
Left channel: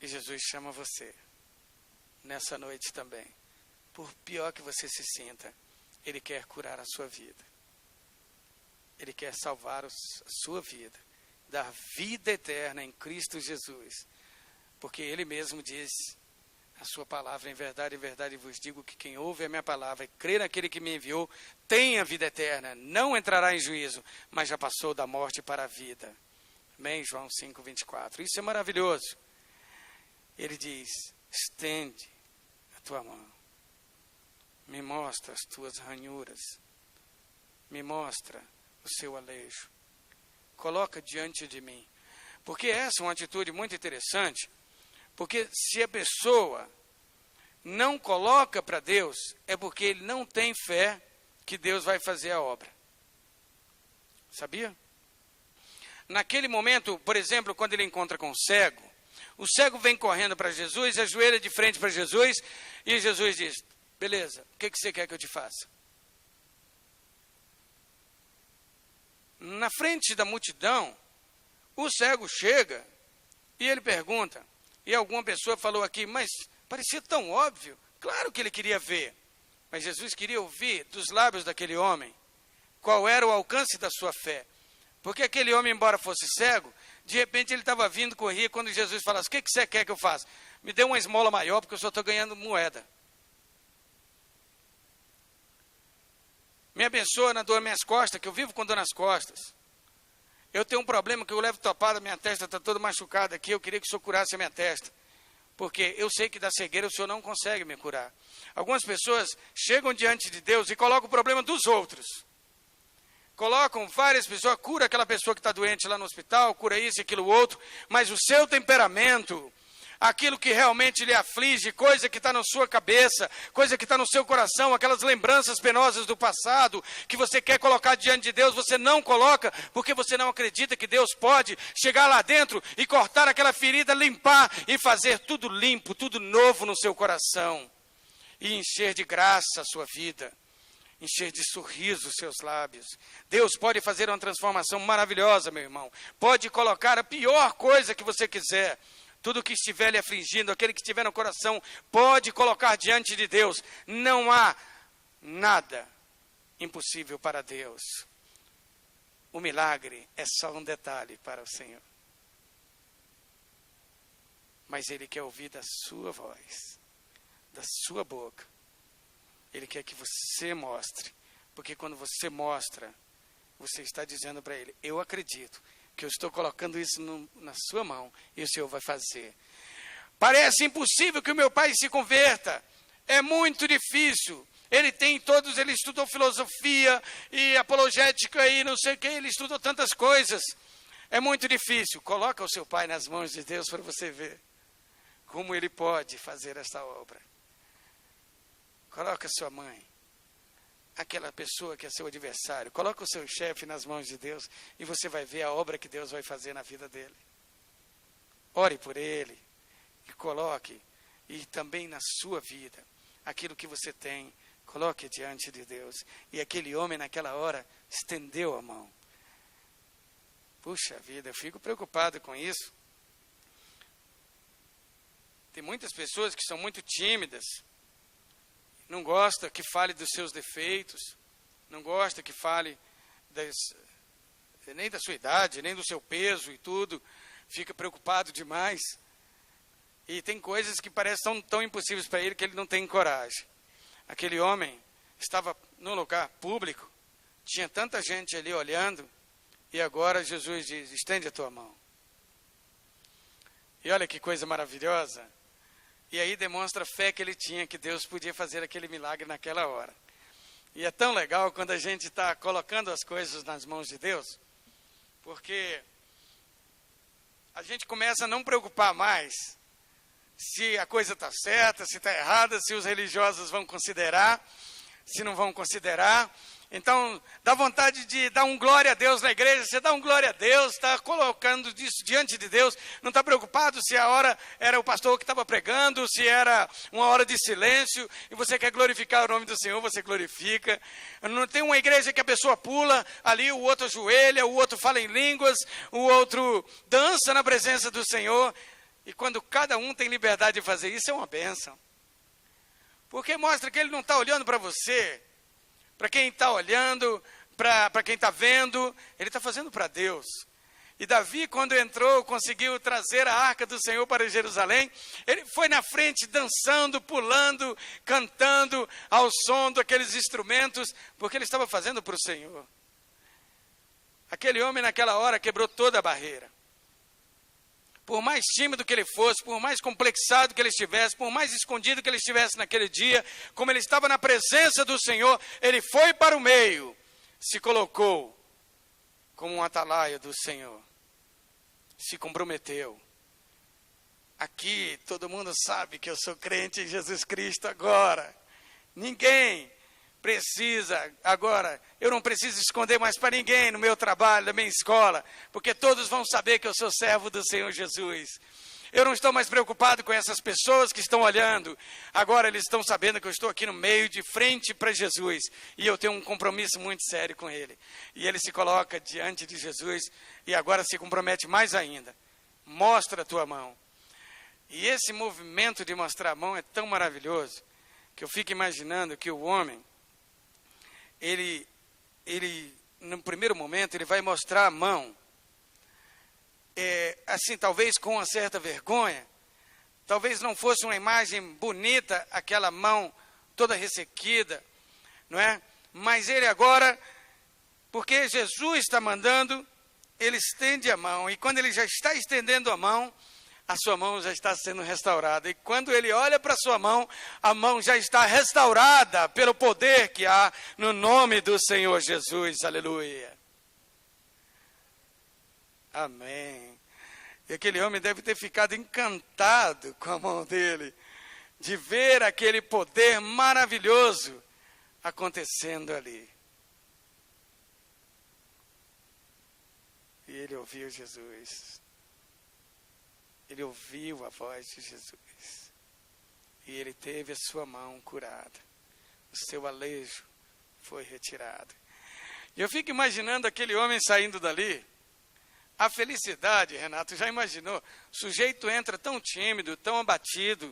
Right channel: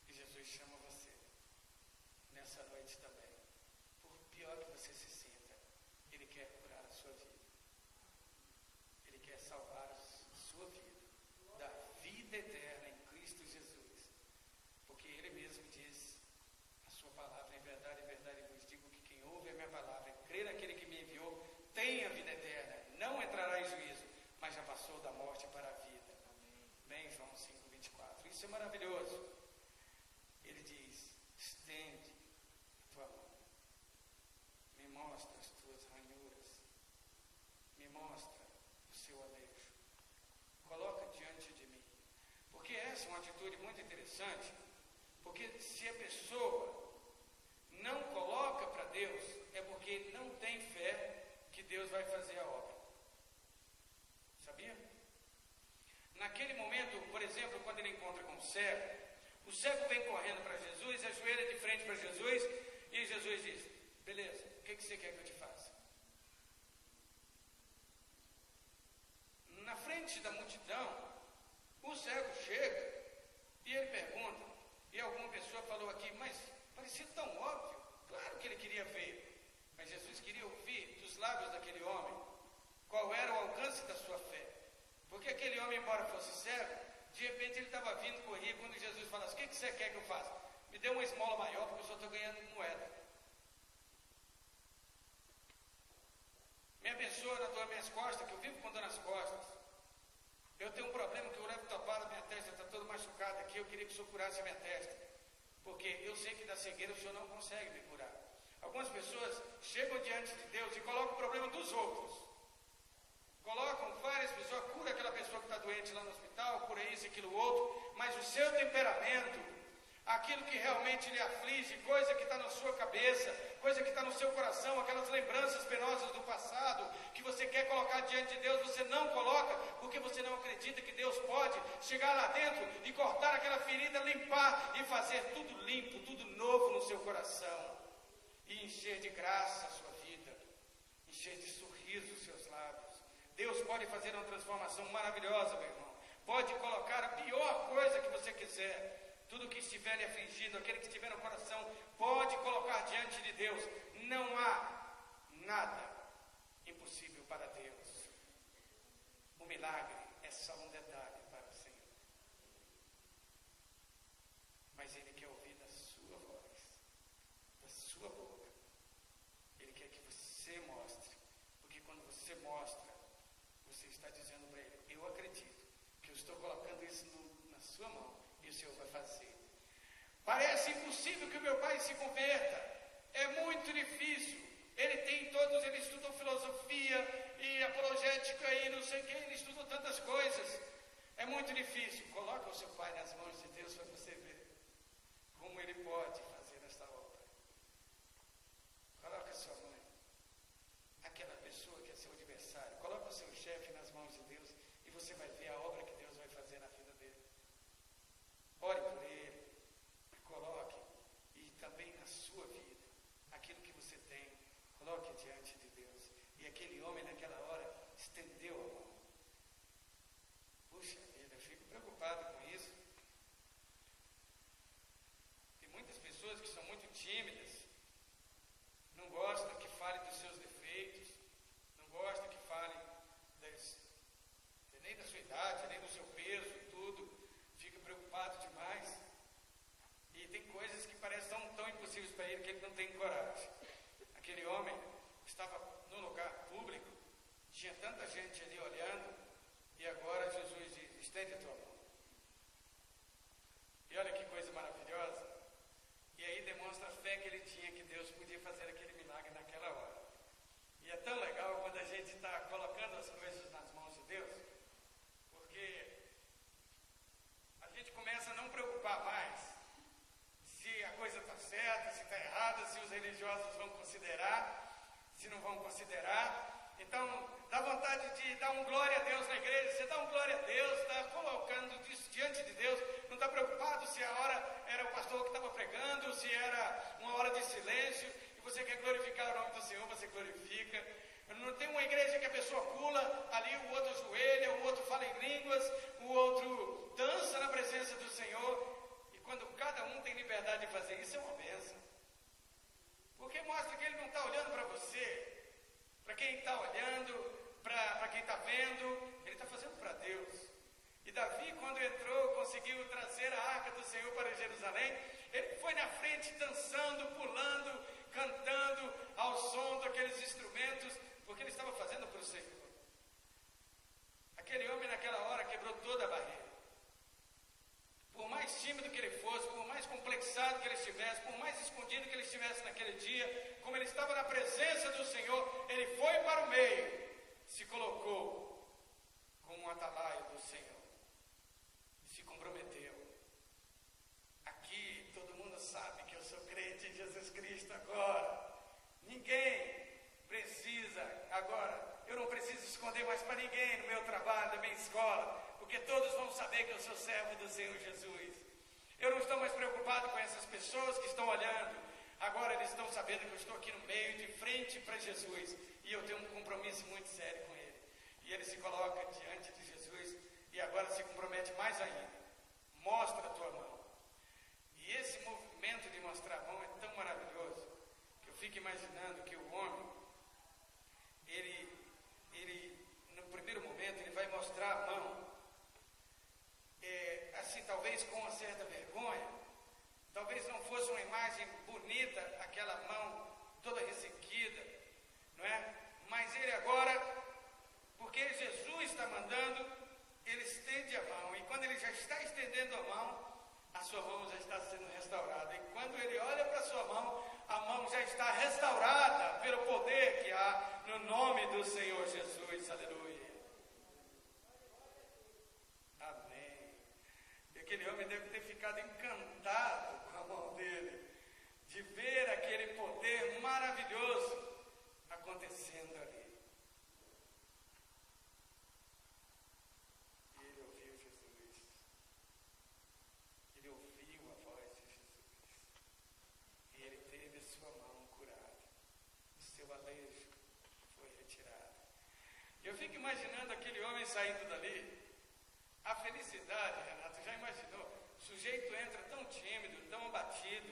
E Jesus chama você, nessa noite também. Por pior que você se sinta, Ele quer curar a sua vida. Ele quer salvar a sua vida, dar vida eterna em Cristo Jesus. Porque Ele mesmo diz, a sua palavra, em verdade vos digo que quem ouve a minha palavra e crê naquele que me enviou, tem a vida eterna, não entrará em juízo, mas já passou da morte para a vida. Amém? João 5:24. Isso é maravilhoso. Ele diz, estende a tua mão, me mostra as tuas ranhuras, me mostra o seu alejo, coloca diante de mim. Porque essa é uma atitude muito interessante. Porque se a pessoa não coloca para Deus, é porque ele não tem fé que Deus vai fazer a obra. Sabia? Naquele momento, por exemplo, quando ele encontra com o cego vem correndo para Jesus, ajoelha de frente para Jesus, e Jesus diz, beleza, o que você quer que eu te faça? Na frente da multidão, o cego chega e ele pergunta, e alguma pessoa falou aqui, mas parecia tão óbvio. Claro que ele queria ver, mas Jesus queria ouvir dos lábios daquele homem qual era o alcance da sua fé. Porque aquele homem, embora fosse cego, de repente ele estava vindo, corria, quando Jesus falasse, o que você quer que eu faça? Me dê uma esmola maior, porque eu só estou ganhando moeda. Me abençoa na dor nas minhas costas, que eu vivo com dor nas costas. Eu tenho um problema que eu levo topada, minha testa está toda machucada aqui, eu queria que o senhor curasse a minha testa. Porque eu sei que da cegueira o senhor não consegue me curar. Algumas pessoas chegam diante de Deus e colocam o problema dos outros. Colocam várias pessoas, cura aquela pessoa que está doente lá no hospital, cura isso e aquilo outro, mas o seu temperamento, aquilo que realmente lhe aflige, coisa que está na sua cabeça, coisa que está no seu coração, aquelas lembranças penosas do passado, que você quer colocar diante de Deus, você não coloca, porque você não acredita que Deus pode chegar lá dentro e cortar aquela ferida, limpar e fazer tudo limpo, tudo novo no seu coração, e encher de graça a sua vida, encher de sorriso os seus lábios. Deus pode fazer uma transformação maravilhosa, meu irmão, pode colocar a pior coisa que você quiser, tudo que estiver lhe afligindo, aquele que estiver no coração, pode colocar diante de Deus. Não há nada impossível para Deus. O milagre é só um detalhe para o Senhor. Mas Ele quer ouvir da sua voz, da sua boca. Ele quer que você mostre, porque quando você mostra, você está dizendo para Ele, eu acredito que eu estou colocando isso na sua mão, e o Senhor vai fazer. Parece impossível que o meu pai se converta, é muito difícil, ele estudou filosofia, e apologética, e não sei o que, ele estudou tantas coisas, é muito difícil. Coloca o seu pai nas mãos de Deus, para você ver, como ele pode fazer esta obra. Coloca a sua mãe, aquela pessoa que é seu adversário, coloca o seu chefe nas mãos de Deus e você vai ver a obra que Deus vai fazer na vida dele. Ore por ele e coloque, e também na sua vida, aquilo que você tem, coloque diante de Deus. E aquele homem naquela hora estendeu a mão. Puxa vida, eu fico preocupado com isso. Tem muitas pessoas que são muito tímidas, não gosta que fale dos seus defeitos, não gosta que fale nem da sua idade, nem do seu peso e tudo, fica preocupado demais. E tem coisas que parecem tão impossíveis para ele que ele não tem coragem. Aquele homem estava num lugar público, tinha tanta gente ali olhando, e agora Jesus diz, estende a tua mão. E olha que coisa maravilhosa, E aí demonstra a fé que ele tinha, que Deus podia fazer aquele milagre naquela hora. E é tão legal quando a gente está colocando as coisas nas mãos de Deus, porque a gente começa a não preocupar mais se a coisa está certa, se está errada, se os religiosos vão considerar, se não vão considerar. Então, dá vontade de dar um glória a Deus na igreja, você dá um glória a Deus, está colocando isso diante de Deus, não está preocupado se a hora era o pastor que estava pregando, se era uma hora de silêncio, e você quer glorificar o nome do Senhor, você glorifica. Não tem uma igreja que a pessoa pula, ali o outro ajoelha, o outro fala em línguas, o outro dança na presença do Senhor, e quando cada um tem liberdade de fazer isso, é uma bênção. Porque mostra que ele não está olhando para você, para quem está olhando, para quem está vendo, ele está fazendo para Deus. E Davi, quando entrou, conseguiu trazer a arca do Senhor para Jerusalém, ele foi na frente dançando, pulando, cantando ao som daqueles instrumentos, porque ele estava fazendo para o Senhor. Aquele homem naquela hora quebrou toda a barreira. Por mais tímido que ele fosse, por mais complexado que ele estivesse, por mais escondido que ele estivesse naquele dia, como ele estava na presença do Senhor, ele foi para o meio, se colocou como um atalaia do Senhor, se comprometeu. Aqui todo mundo sabe que eu sou crente em Jesus Cristo agora. Ninguém precisa, agora, eu não preciso esconder mais para ninguém no meu trabalho, na minha escola, porque todos vão saber que eu sou servo do Senhor Jesus. Eu não estou mais preocupado com essas pessoas que estão olhando, agora eles estão sabendo que eu estou aqui no meio, de frente para Jesus, e eu tenho um compromisso muito sério com Ele. E ele se coloca diante de Jesus, e agora se compromete mais ainda. Mostra a tua mão. E esse movimento de mostrar a mão é tão maravilhoso, que eu fico imaginando que o homem, ele, no primeiro momento, ele vai mostrar a mão, assim, talvez com uma certa vergonha, talvez não fosse uma imagem bonita, aquela mão toda ressequida, não é? Mas ele agora, porque Jesus está mandando, ele estende a mão, e quando ele já está estendendo a mão já está sendo restaurada. E quando ele olha para a sua mão, a mão já está restaurada pelo poder que há no nome do Senhor Jesus. Aleluia. Amém. E aquele homem deve ter ficado encantado com a mão dele, de ver aquele poder maravilhoso acontecendo ali. E ele ouviu Jesus. Ele ouviu a voz de Jesus, e ele teve a sua mão curada, o seu alejo foi retirado. E eu fico imaginando aquele homem saindo dali, a felicidade, Renato, já imaginou? O sujeito entra tão tímido, tão abatido,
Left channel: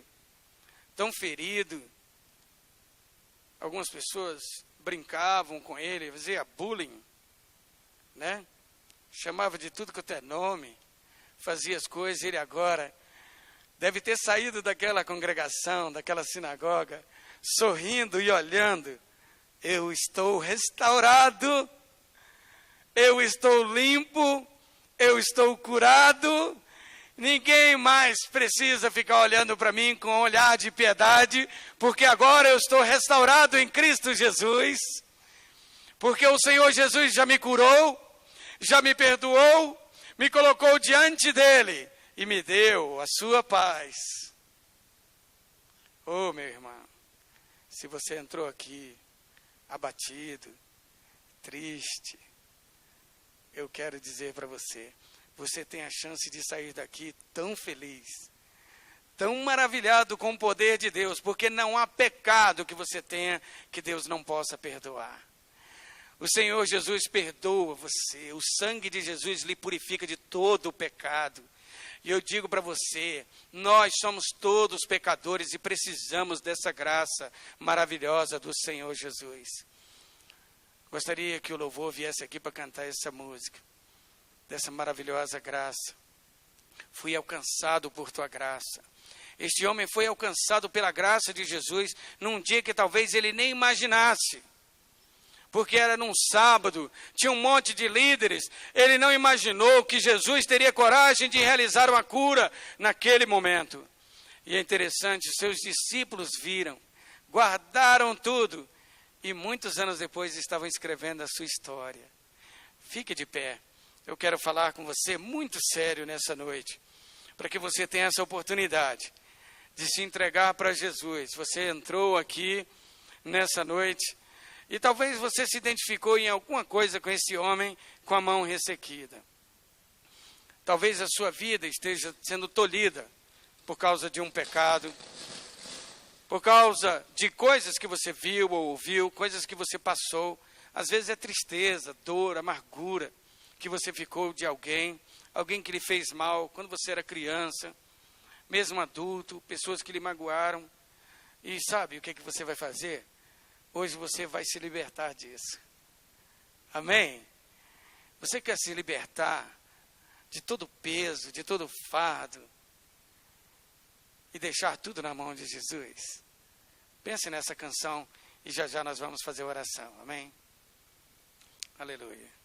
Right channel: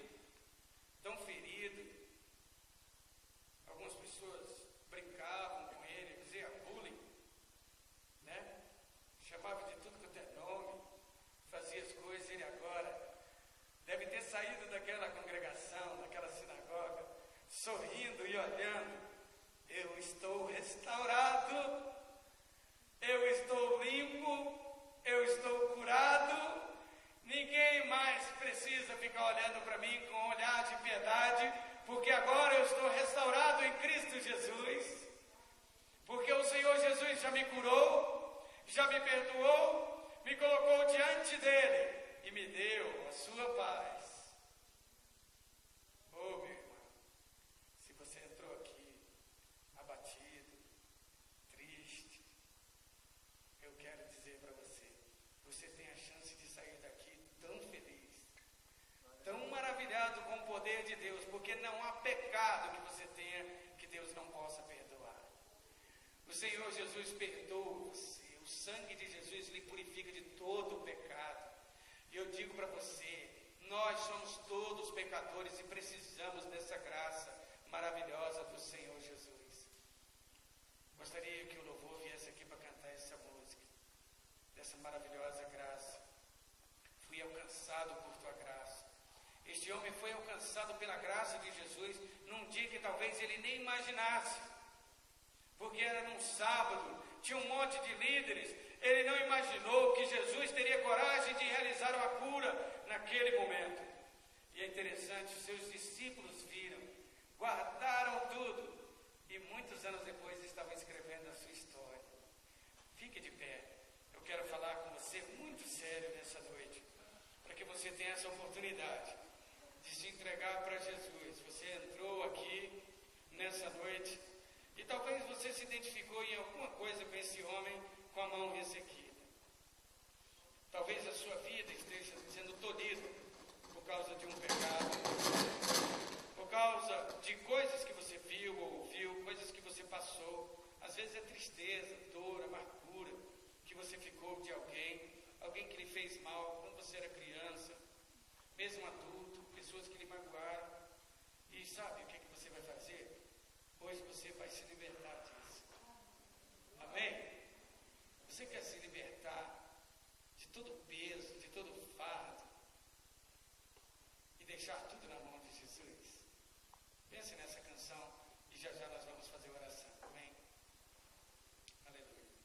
tão ferido. Algumas pessoas brincavam com ele, fazia bullying, né? Chamava de tudo quanto é nome, fazia as coisas. Ele agora deve ter saído daquela congregação, daquela sinagoga, sorrindo e olhando. Eu estou restaurado, eu estou limpo, eu estou curado. Ninguém mais precisa ficar olhando para mim com um olhar de piedade, porque agora eu estou restaurado em Cristo Jesus, porque o Senhor Jesus já me curou, já me perdoou, me colocou diante dele e me deu a sua paz. Oh, meu irmão, se você entrou aqui abatido, triste, eu quero dizer para você, você tem a chance de sair daqui tão feliz, tão maravilhado com o poder de Deus, porque não há pecado que você tenha que Deus não possa perdoar. O Senhor Jesus perdoa você, o sangue de Jesus lhe purifica de todo o pecado. E eu digo para você, nós somos todos pecadores e precisamos dessa graça maravilhosa do Senhor Jesus. Gostaria que o louvor viesse aqui para cantar essa música, dessa maravilhosa graça. Fui alcançado por tua graça. Este homem foi alcançado pela graça de Jesus num dia que talvez ele nem imaginasse. Porque era num sábado, tinha um monte de líderes, ele não imaginou que Jesus teria coragem de realizar uma cura naquele momento. E é interessante, seus discípulos viram, guardaram tudo, e muitos anos depois estavam escrevendo a sua história. Fique de pé. Eu quero falar com você muito sério nessa noite, para que você tenha essa oportunidade de se entregar para Jesus. Você entrou aqui nessa noite e talvez você se identificou em alguma coisa com esse homem com a mão ressequida. Talvez a sua vida esteja sendo tolhida por causa de um pecado, por causa de coisas que você viu ou ouviu, coisas que você passou. Às vezes é tristeza, dor, amargura, que você ficou de alguém que lhe fez mal quando você era criança, mesmo adulto, pessoas que lhe magoaram. E sabe o que você vai fazer? Hoje você vai se libertar disso. Amém? Você quer se libertar de todo peso, de todo fardo, e deixar tudo na mão de Jesus? Pense nessa canção e já já nós vamos fazer oração. Amém? Aleluia.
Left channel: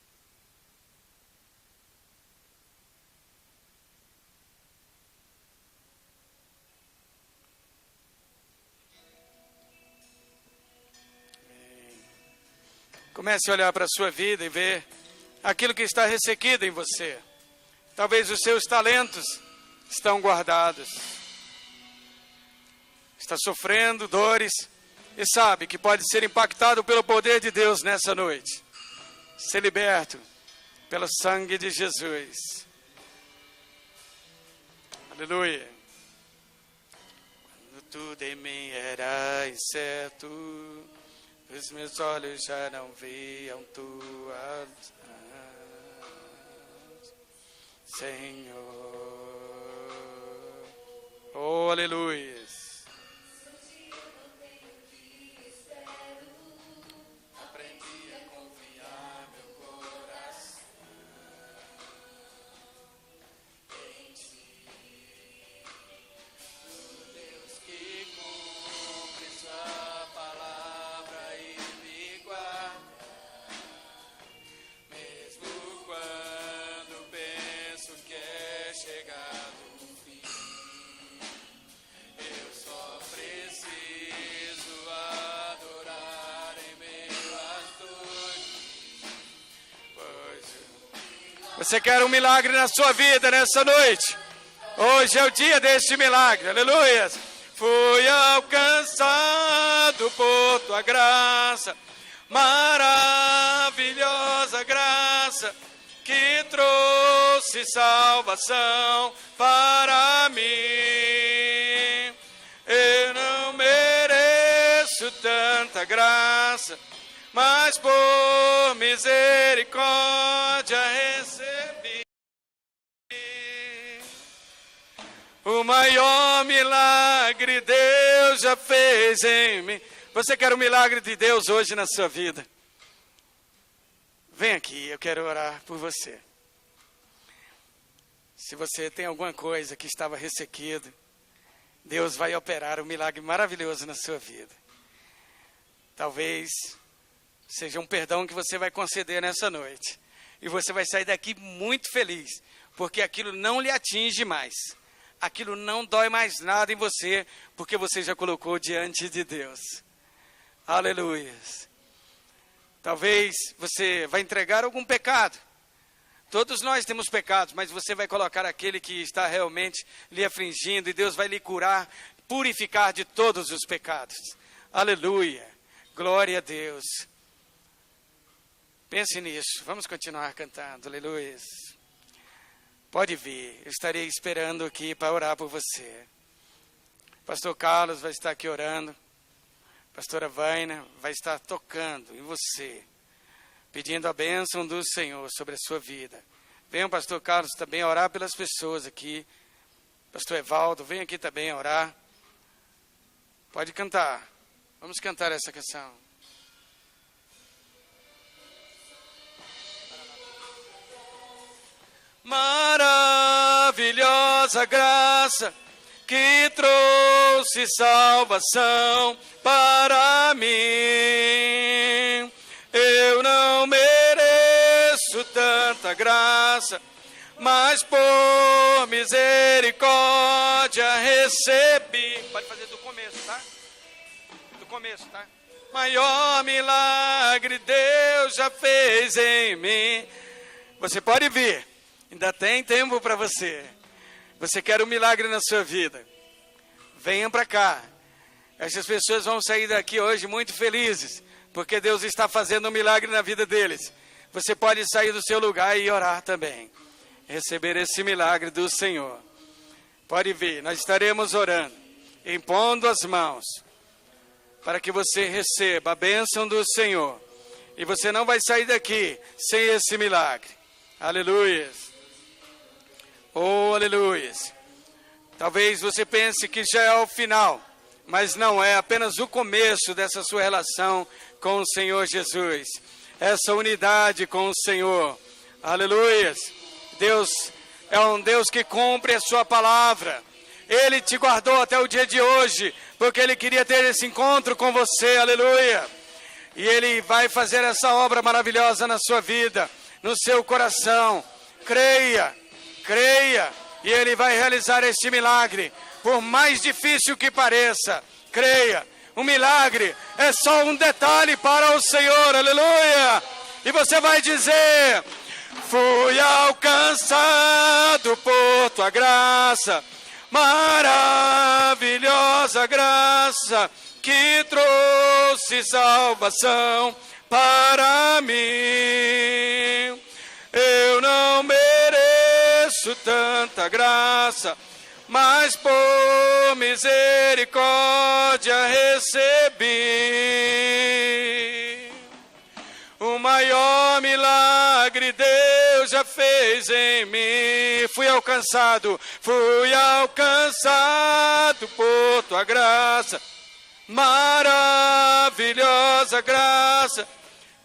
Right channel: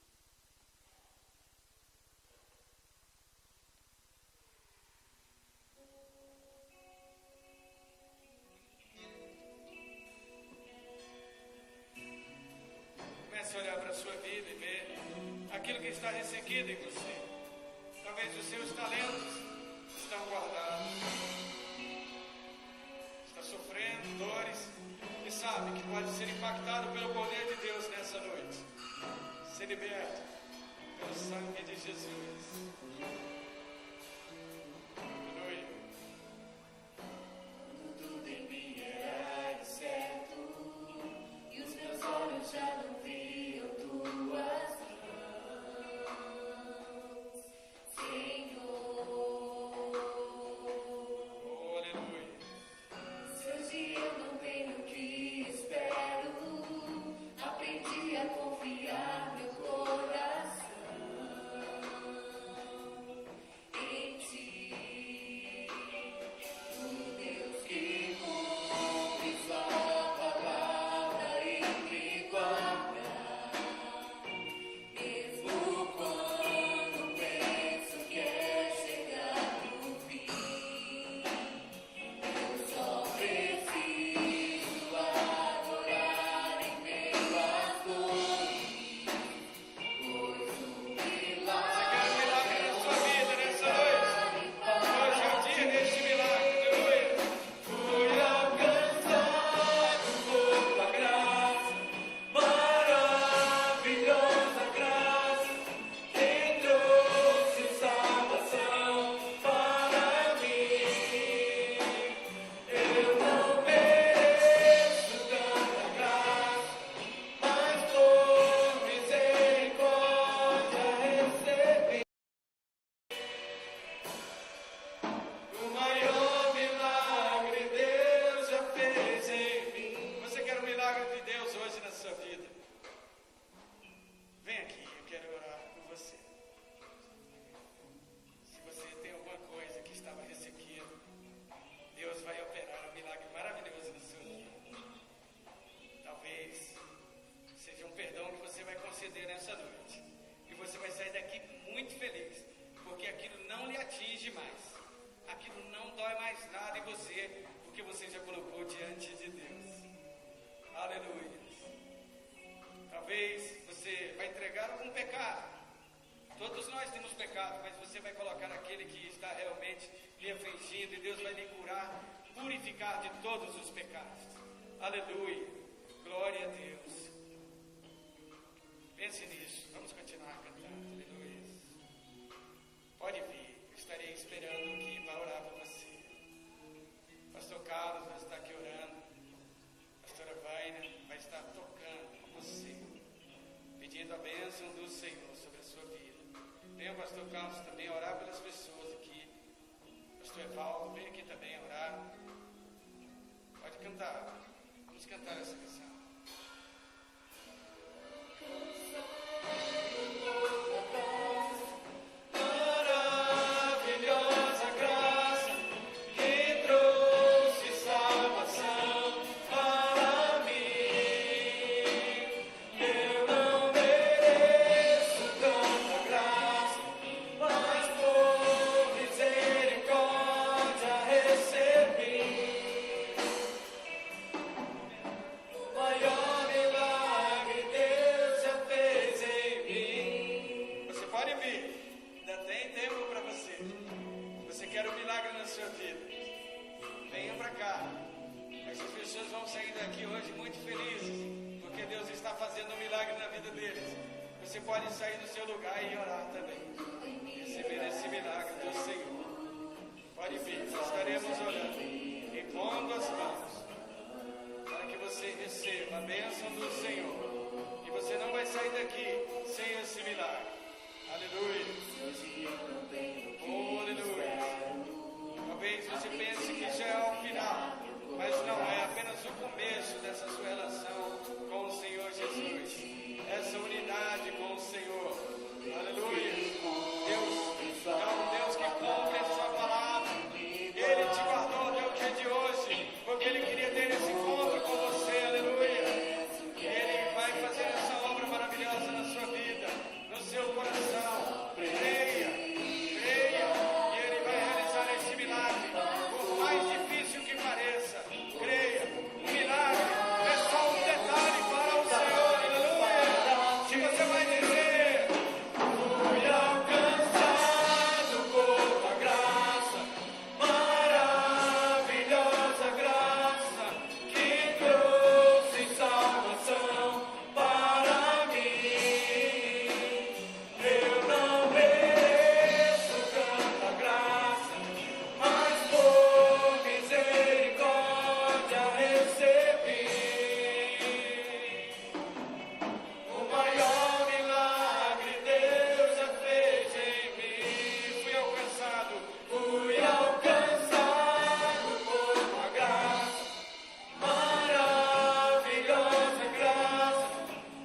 Comece a olhar para a sua vida e ver aquilo que está ressequido em você. Talvez os seus talentos estão guardados. Está sofrendo dores e sabe que pode ser impactado pelo poder de Deus nessa noite. Ser liberto pelo sangue de Jesus. Aleluia. Tudo em mim era incerto, os meus olhos já não viam tua Senhor. Oh, aleluia. Hoje eu não tenho o que espero, aprendi a confiar meu coração em ti, o Deus que cumpre sua palavra e me guarda, mesmo quando penso que é chegar o fim. Eu só preciso adorar em meio às dores, pois o Você quer um milagre na sua vida nessa noite? Hoje é o dia deste milagre, aleluia. Fui alcançado por tua graça, maravilhosa graça, que trouxe salvação para mim. Eu não mereço tanta graça, mas por misericórdia recebi o maior milagre Deus já fez em mim. Você quer o milagre de Deus hoje na sua vida? Vem aqui, eu quero orar por você. Se você tem alguma coisa que estava ressequida, Deus vai operar um milagre maravilhoso na sua vida. Talvez seja um perdão que você vai conceder nessa noite. E você vai sair daqui muito feliz, porque aquilo não lhe atinge mais. Aquilo não dói mais nada em você, porque você já colocou diante de Deus. Aleluia. Talvez você vai entregar algum pecado. Todos nós temos pecados, mas você vai colocar aquele que está realmente lhe afligindo, e Deus vai lhe curar, purificar de todos os pecados. Aleluia. Glória a Deus. Pense nisso. Vamos continuar cantando. Aleluia. Pode vir. Eu estarei esperando aqui para orar por você. Pastor Carlos vai estar aqui orando. Pastora Vaina vai estar tocando em você, pedindo a bênção do Senhor sobre a sua vida. Venha o pastor Carlos também orar pelas pessoas aqui. Pastor Evaldo, vem aqui também orar. Pode cantar. Vamos cantar essa canção. Maravilhosa graça que trouxe salvação para mim. Eu não mereço tanta graça, mas por misericórdia recebi. Pode fazer do começo, tá? Do começo, tá? Maior milagre Deus já fez em mim. Você pode vir, ainda tem tempo para você. Você quer um milagre na sua vida? Venha para cá. Essas pessoas vão sair daqui hoje muito felizes, porque Deus está fazendo um milagre na vida deles. Você pode sair do seu lugar e orar também, receber esse milagre do Senhor. Pode vir, nós estaremos orando, impondo as mãos, para que você receba a bênção do Senhor. E você não vai sair daqui sem esse milagre. Aleluia. Oh, aleluia. Talvez você pense que já é o final, mas não é, apenas o começo dessa sua relação com o Senhor Jesus. Essa unidade com o Senhor. Aleluia. Deus é um Deus que cumpre a sua palavra. Ele te guardou até o dia de hoje, porque Ele queria ter esse encontro com você. Aleluia. E Ele vai fazer essa obra maravilhosa na sua vida, no seu coração. Creia, creia, e Ele vai realizar este milagre, por mais difícil que pareça. Creia, o milagre é só um detalhe para o Senhor. Aleluia. E você vai dizer: fui alcançado por tua graça, maravilhosa graça, que trouxe salvação para mim. Eu não mereço tanta graça, mas por misericórdia recebi. O maior milagre Deus já fez em mim. Fui alcançado por tua graça, maravilhosa graça,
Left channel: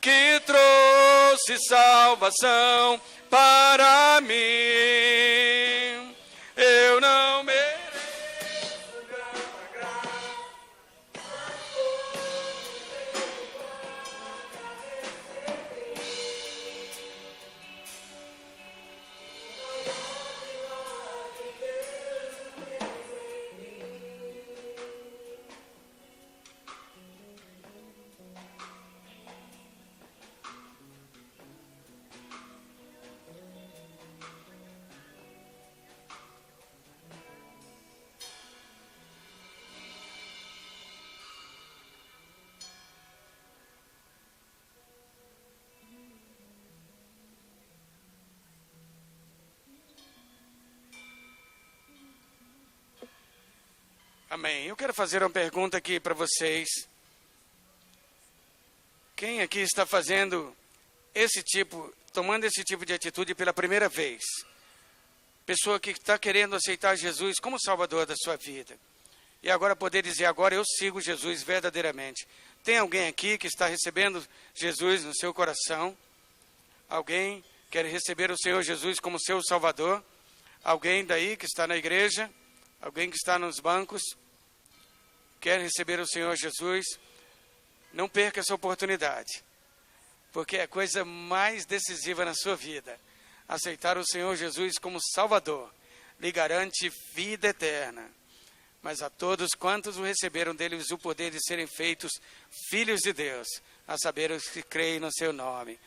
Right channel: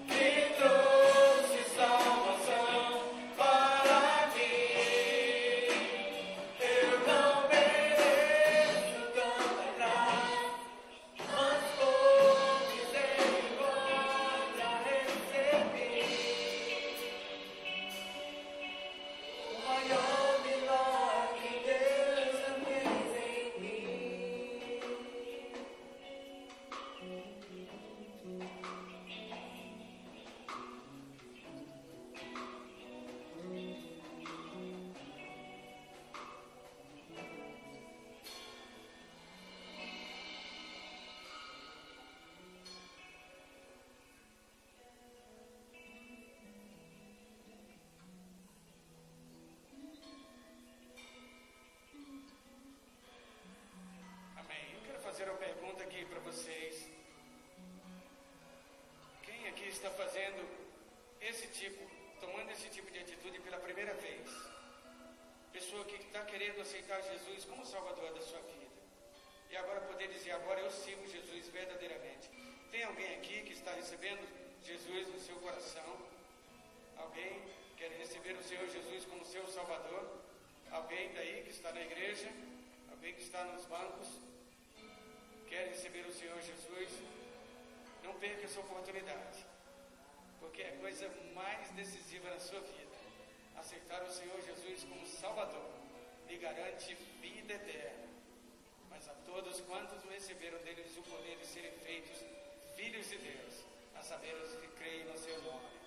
que trouxe salvação para mim. Eu não mereço tanta graça, mas por misericórdia recebi. O maior milagre Deus já fez em mim. Amém. Eu quero fazer uma pergunta aqui para vocês. Quem aqui está tomando esse tipo de atitude pela primeira vez? Pessoa que está querendo aceitar Jesus como Salvador da sua vida. E agora poder dizer: agora eu sigo Jesus verdadeiramente. Tem alguém aqui que está recebendo Jesus no seu coração? Alguém quer receber o Senhor Jesus como seu Salvador? Alguém daí que está na igreja? Alguém que está nos bancos? Quer receber o Senhor Jesus? Não perca essa oportunidade, porque é a coisa mais decisiva na sua vida. Aceitar o Senhor Jesus como Salvador lhe garante vida eterna. Mas a todos quantos o receberam deles o poder de serem feitos filhos de Deus, a saber os que creem no seu nome.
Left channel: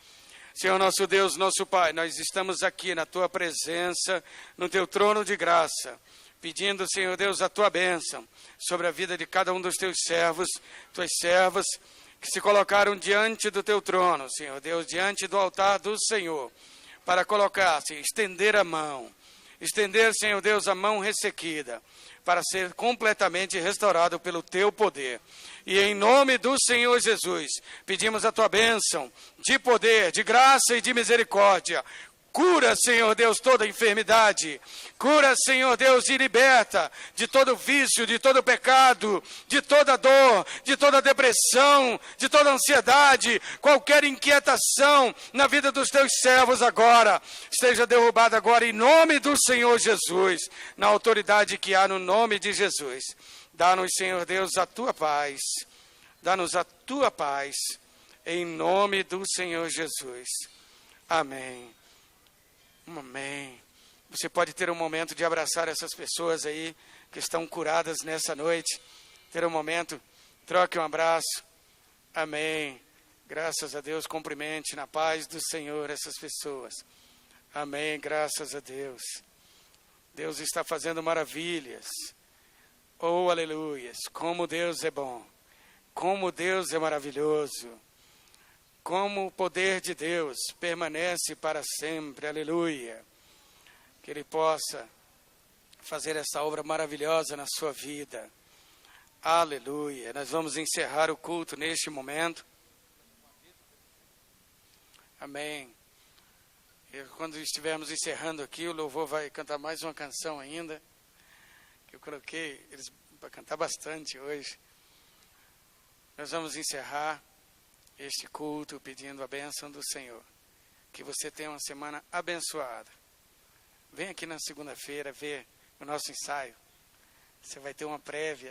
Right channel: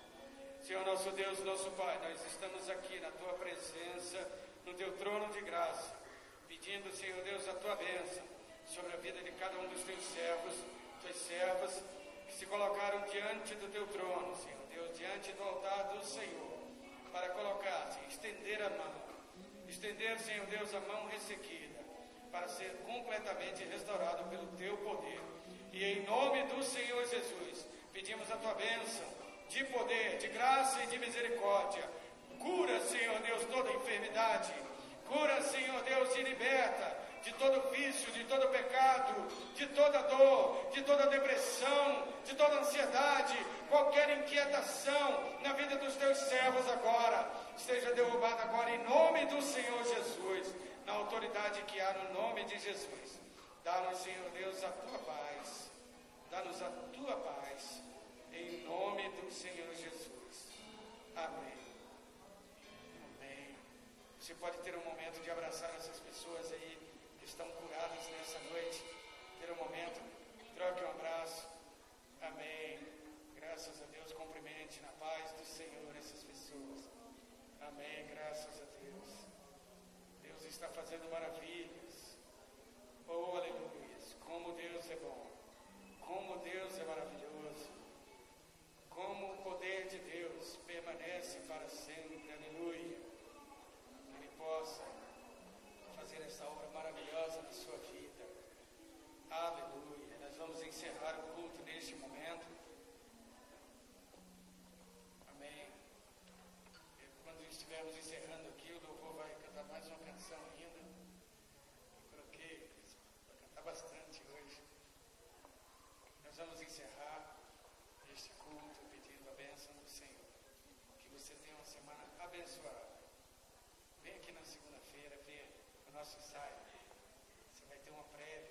Senhor nosso Deus, nosso Pai, nós estamos aqui na tua presença, no teu trono de graça, pedindo, Senhor Deus, a tua bênção sobre a vida de cada um dos teus servos, tuas servas, que se colocaram diante do teu trono, Senhor Deus, diante do altar do Senhor, para colocar, Senhor, estender a mão, Senhor Deus, a mão ressequida, para ser completamente restaurado pelo teu poder. E em nome do Senhor Jesus, pedimos a tua bênção de poder, de graça e de misericórdia. Cura, Senhor Deus, toda enfermidade. Cura, Senhor Deus, e liberta de todo vício, de todo pecado, de toda dor, de toda depressão, de toda ansiedade, qualquer inquietação na vida dos teus servos agora, esteja derrubada agora em nome do Senhor Jesus, na autoridade que há no nome de Jesus. Dá-nos, Senhor Deus, a tua paz. Dá-nos a tua paz, em nome do Senhor Jesus. Amém. Amém. Você pode ter um momento de abraçar essas pessoas aí que estão curadas nessa noite. Ter um momento, troque um abraço. Amém. Graças a Deus, cumprimente na paz do Senhor essas pessoas. Amém, graças a Deus. Deus está fazendo maravilhas. Oh, aleluias. Como Deus é bom. Como Deus é maravilhoso. Como o poder de Deus permanece para sempre. Aleluia. Que Ele possa fazer essa obra maravilhosa na sua vida. Aleluia. Nós vamos encerrar o culto neste momento. Amém. E quando estivermos encerrando aqui, o louvor vai cantar mais uma canção ainda. Eu coloquei eles para cantar bastante hoje. Nós vamos encerrar este culto pedindo a bênção do Senhor. Que você tenha uma semana abençoada. Vem aqui na segunda-feira ver o nosso ensaio. Você vai ter uma prévia